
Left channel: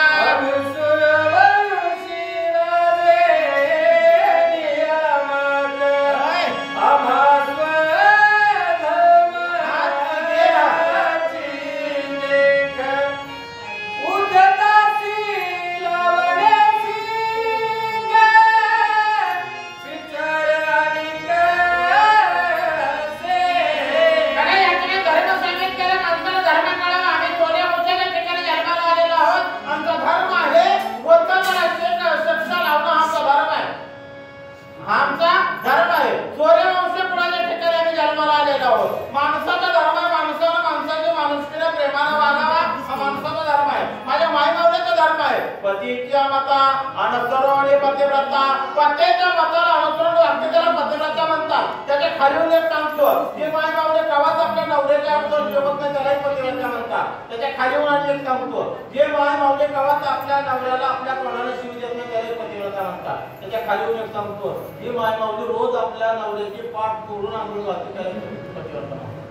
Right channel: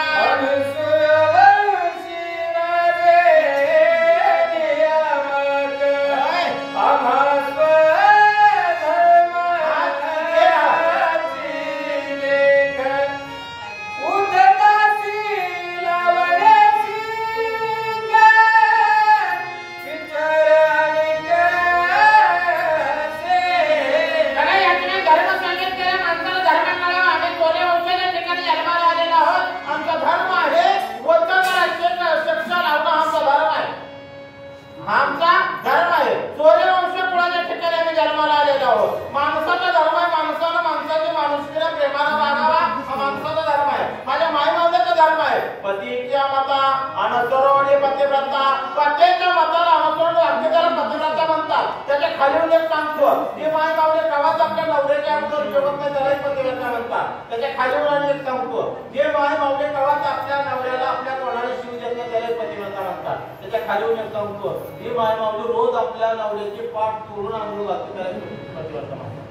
पतीच्या मता अनुसरणे पतिव्रता. पतीच्या मताला अनुसरण वाक्य त्याला पतिव्रता म्हणतात. त्याच्या खाली उल्लेख सांगतो की माय मावले गावात आपल्या नवऱ्याच्या अनुसरण ठेवत नाही त्यालाही पतिव्रता म्हणतात. त्याच्या खाली उल्लेख सांगतो जे माय मावले गावात आपल्या नवऱ्याला आपल्या तोंडाने शिव देत नाही त्यालाही पतिव्रता म्हणतात. त्याच्या खाली उल्लेख सांगतो ही माय मावली रोज आपल्या नवऱ्याची पाठ तोडून आंघोळ घालते त्याला पतिव्रता म्हणतात.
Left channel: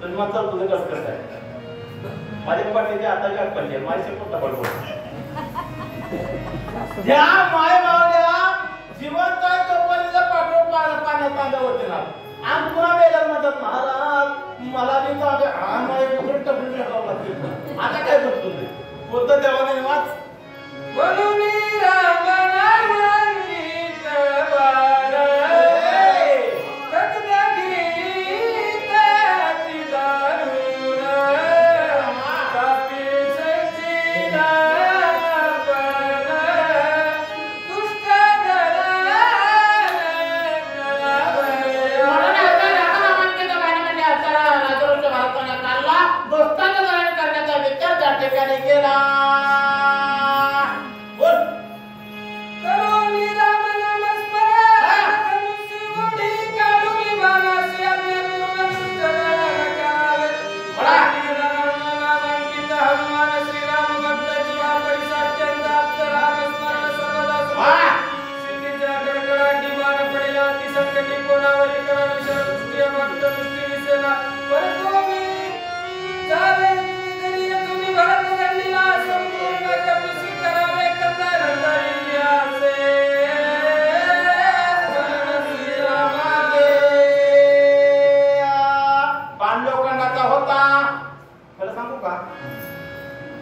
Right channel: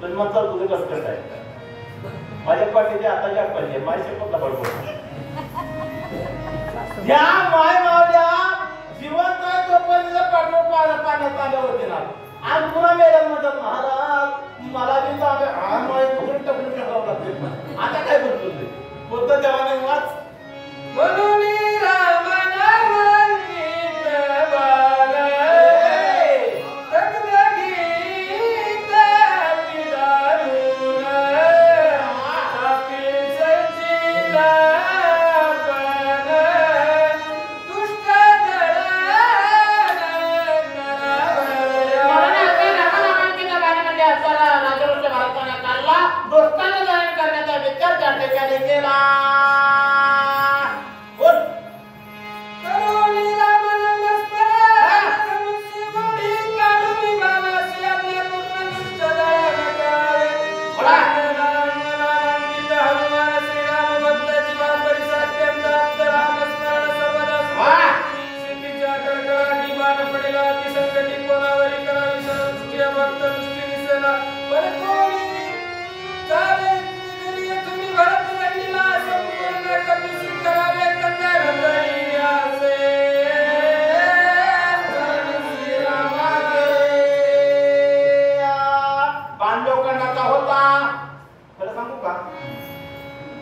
जन्माचा तुझे कसं करताय माझ्या पाठीची आता काय पडली माझी शपथ बरोबर या माय मावल्या जिवंत आहे तोपर्यंत पाठवून पाण्यात आल्या होते ना आणि पुन्हा मेल्यात मदत महाराज मला बी आता काय बनतो ते बोलतो तेव्हा नाही वाच म्हणून रामनामांकित बाळ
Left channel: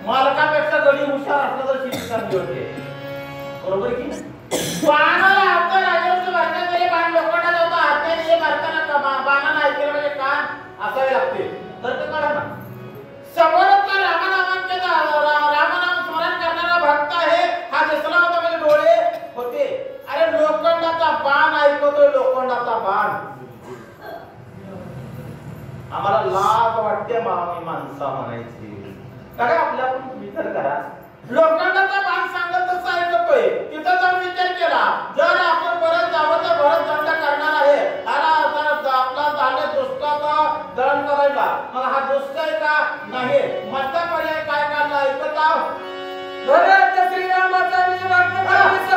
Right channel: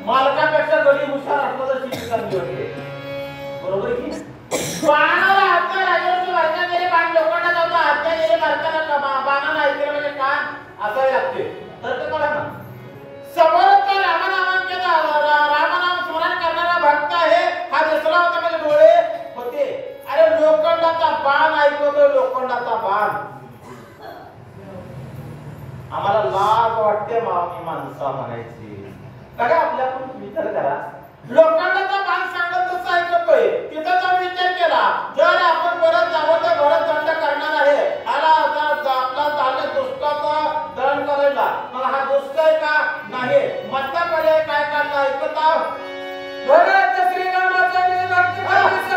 मालकापेक्षा गडी हुशार असला तर शिक्षण चांगली होते बरोबर की बाणाला अर्थ राजावरचं भारतात गेले बाण लोखंडात होता हत्या गेले भारताला बाणाला ऐकलं म्हणजे कान असावे लागते तर ते कळा ना समोरचा रामनाम स्मरण करणारा भक्त आहे हा दिसला होता म्हणजे डोळे होते अरे लोखंडाचा बाण ऐकतोय लोखंडाचा बाण आम्हाला लाज वाटते माणसा म्हणायची काय आपल्या विचार करा लोखंडाचा बाण सांगत तसं ऐकतोय तिथं जाऊन विचार केला जर आपण परत जावं तर भरत दंड करणार आहे आपला झाले दुष्टाचा दळण करायला मग हा दुष्ट आहे का नाही मधला पर्याय काय काढला ऐकत आहो भरत श्रीरामाचा भक्त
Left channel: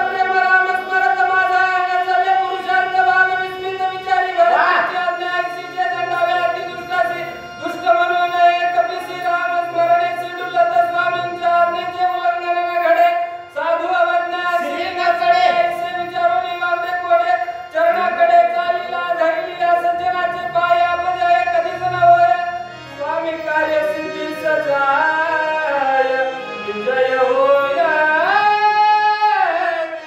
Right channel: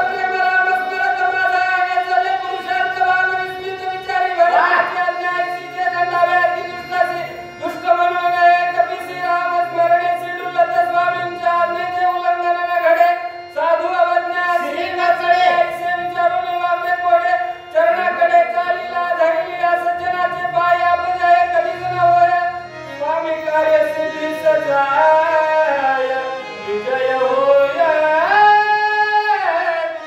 प्रेम राम स्मरत माझा चले पुरुषार्थ भाग विस्मित विचारी भरताची आज्ञा ऐकशीचे दंडावे अति दुष्टाची दुष्ट म्हणून एक कपी राम स्मरणे सिडुलत स्वामींच्या आज्ञेचे उल्लंघन न घडे साधू अवज्ञा श्री नचडे ऐसे विचारून वांदे कोडे चरणाकडे चालीला धरलीला सज्जनाचे पाय बजाय कधीच न होय स्वामी कार्य सिद्धी सजाय विजय होय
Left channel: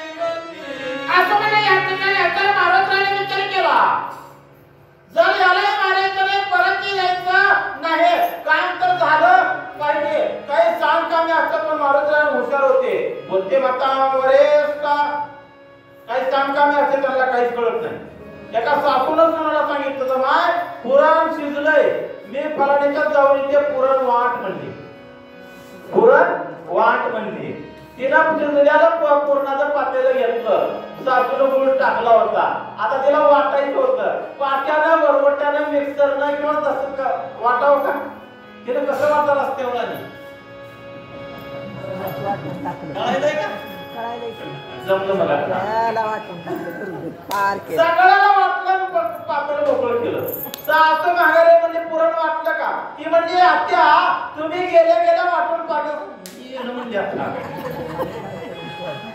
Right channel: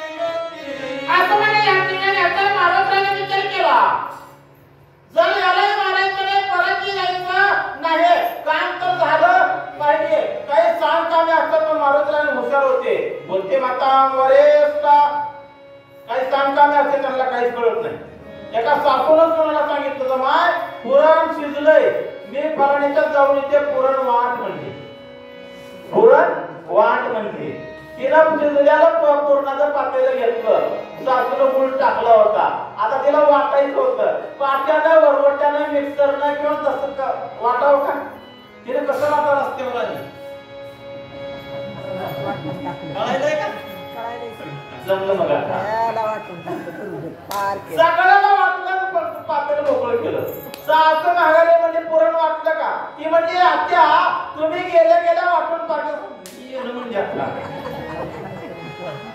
असं म्हणजे या ठिकाणी आता महाराजांनी विचार केला जर याला मारायचं परत यायचं नाही काम तर झालं पाहिजे काही सांग कामे असतात पण महाराज हुशार होते बोलते माता वरेस्ता काही सांग कामे असते त्यांना काहीच कळत नाही एका सासूनच कोणाला सांगितलं तर माय पुराण शिजलंय मी फराणीच्या जाऊन इथे पुरण वाट म्हणली पुरण वाट म्हणली तिला शिजल्याला पुरणाचं पातेलं घेतलं सासून गुळ टाकला होता आता तिला वाटायचं होतं पाट्यानं वरवट्यानं मिक्सरनं किंवा तसं वाटावं का तिने कसं वाटावं असते मला जमलं मला सगळ्याला वाटलं पातेलं मोकळं केलं सासू माघारे म्हणजे पुरण वाटलं का की म्हणजे आत्या तुम्ही गेले वाटून पाठव म्हणजे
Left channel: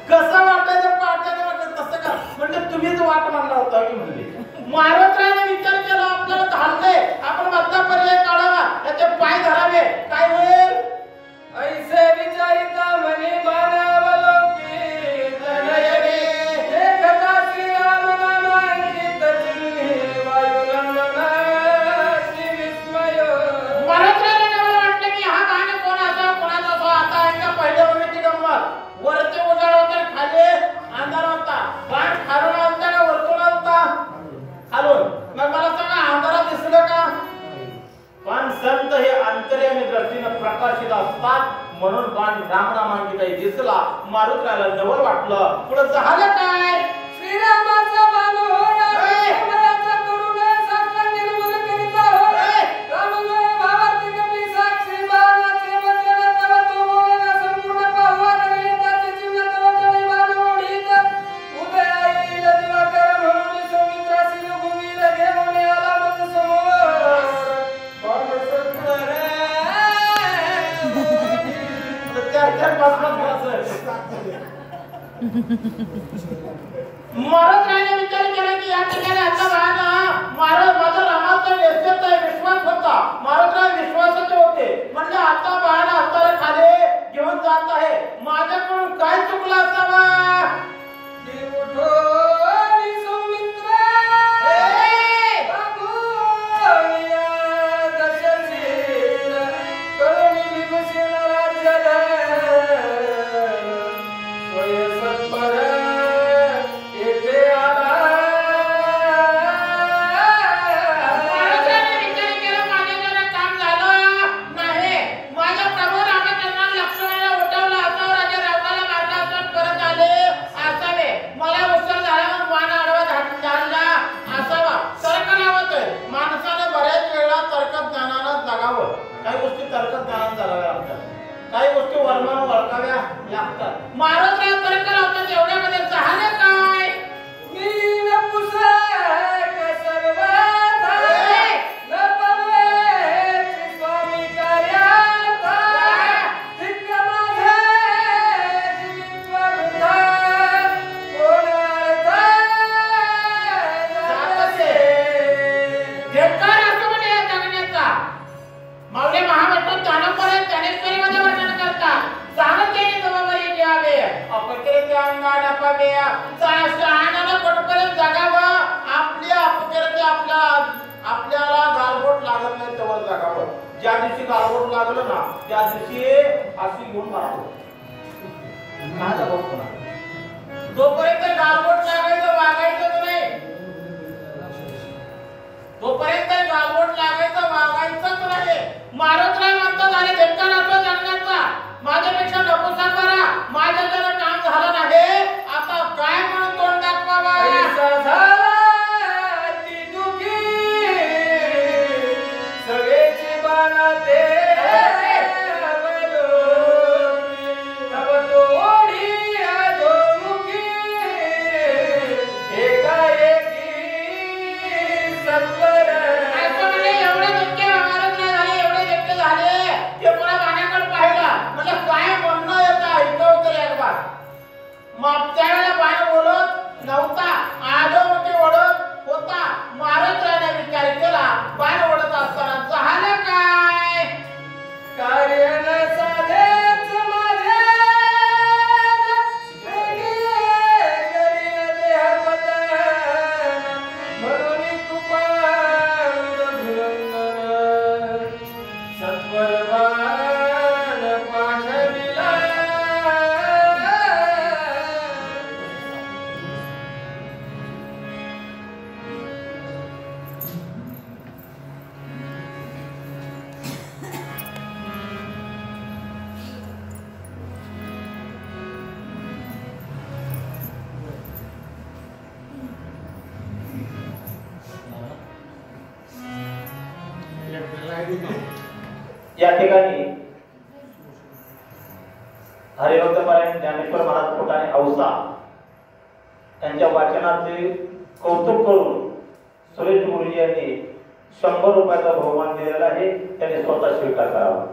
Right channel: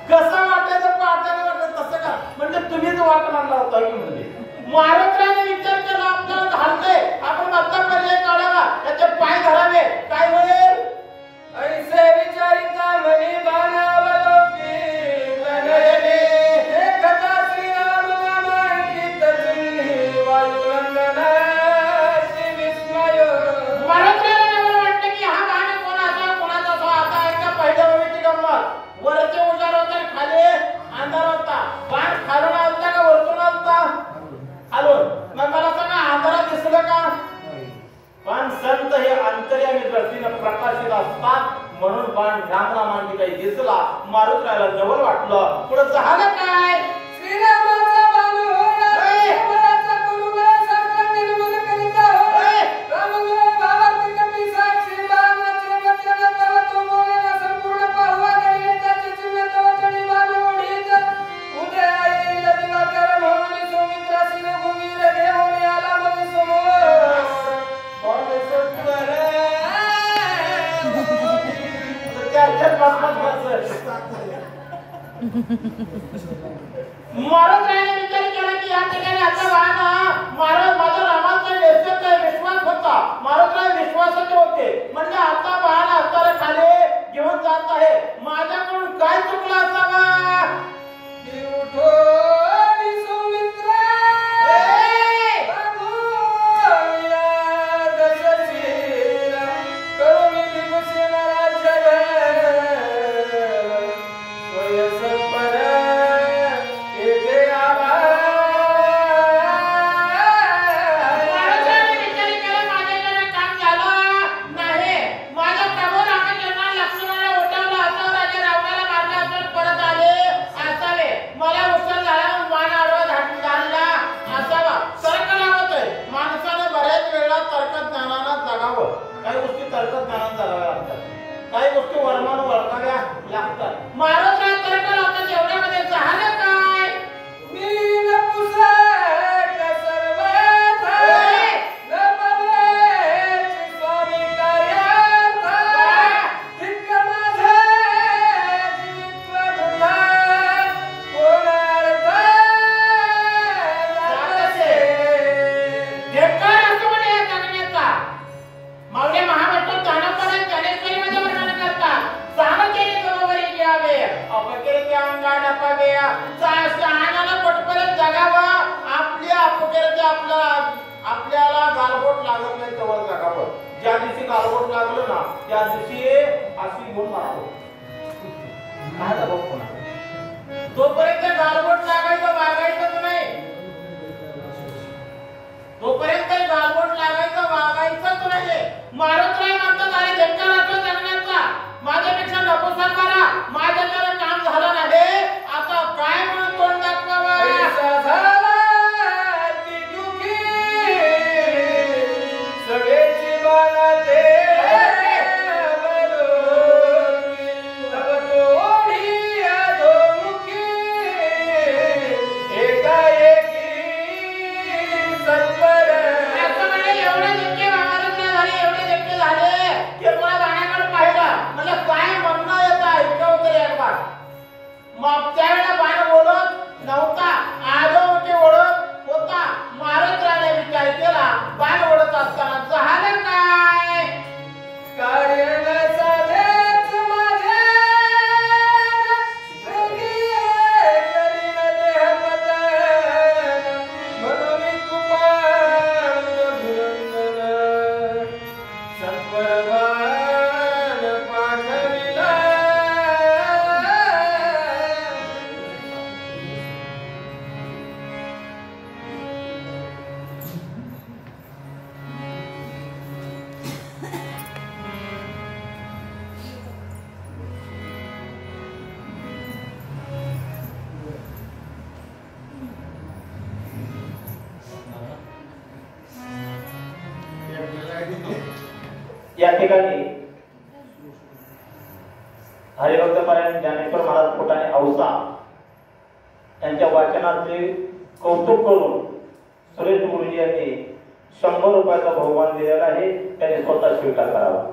कसं वाटायचं पाठायला वाटत तसं का म्हणजे तुम्हीच वाट मांडला होता की म्हणजे महाराजांनी विचार केला आपल्याला धाडते आपण मधला पर्याय काढावा त्याचे पाय धरावे काय होईल ऐसे विचारिता मनी बाणावलोकी तनयने देखता श्रीराम नामांकित चिन्ही वायुनंदनाची विस्मय महाराजांना वाटतं की हा बाण कोणाचा आता एकदा पहिल्या वेळेची गंमत वरचे उजाड होते खाली अंधार होता बाण खालून आलता का वरतून आलता खालून मग मला सांगा अंधारात दिसलं का पण संत हे अंतर्यामी दृष्टीनं प्रकाशित म्हणून बाण रामरामांनी काही दिसला मारुतीला जवळ वाटलं पुढे झालं काय श्रीरामाचा बाण होया देवराचा करुणे साक्षात निर्मल करिता होय राममय भावार्थ कमी साक्षी बाणाचे वचन तव तो मोयना संपूर्ण पाहुवा नविताचे चिन्ह तव चढी बाण ओढीत उदय येईल दिवाकर म्हणून सौमित्रासी रघुवीर घेऊन आला मज समोर बाण सत्वर मारुतीने विचार केला की या ठिकाणी आता बाण मारुती माझा रामाचा यशस्वी विश्वास होता मारुतीला विश्वासाचे होते म्हणजे आता बाण असताना खाली घेऊन जात आहे माझ्याकडून काय चुकलं असावा की उठो नि सौमित्र बागुया दशशील करुणी विभूषण राज्य काही गोष्टी वर्मान ओळखाव्या लागतात महाराज तर्क जेवढ्यामध्ये झालं काय मी न पुसक सर्वथा न पवेची स्वामी कार्यार्थ धिक्क माझे जीवित्व वृथा कोणार्थ जातसे धिक्कार असतो म्हणजे या जगण्याचा मावळे महाराष्ट्रात जानपराय गणेशमध्ये वर्णन करतात सामर्थ्याने जबाबदारी घ्यावे अपकेरचे अंगाड पावे सहानाला पटपर्यंत जगावं आपल्या अपकेरचे आपल्याला गालबोट लागत नाही तेव्हा जगावं ज्या दिवशी गालबोट लागलं ना त्या दिवशी अशी गुण मारतो काय जबाब कोणा तोपर्यंत गालबोट लागायचं वागायचंच नाही तोपर्यंत गालबोट लागायचं वागायचंच नाही मारुतीला म्हणतात आणि धिक्कार असतो जगण्याचा माझ्यापेक्षा नकोसा करा माझ्या जरा काम झालं नाही आता काय म्हणून तोंड दाखवावा ऐसा झाला ती दुखी सगळेची बाणा दे तब तोडी अधोमुखी एकाएकी सत्वर एवढे धक्के मारायचे झाले एवढे धक्के झाले ते मला बाणाकडे पाहिलं म्हटलं काय म्हणणं येतं ऐकव तरी एक बार मग त्यावेळेला बाण बोलत नव्हता आदोमुखी ओढत होता महाराजाने विचार केला बाण ओढत असताना झालं काय कार्य न साधेच माझे करीन देह पतन म्हणून कृपाळू धुरंधर सत्वर बाण पाठविला या ठिकाणी हरिभक्तपरायण ज्ञानेश्वर महाराज पोटाने औसा यांच्या वाचनाचे कौतुक करून सुरेश मुरली यांनी 100 रुपयाचा बहुमान दिलेला आहे त्यांनी स्वतः स्वीकार करावा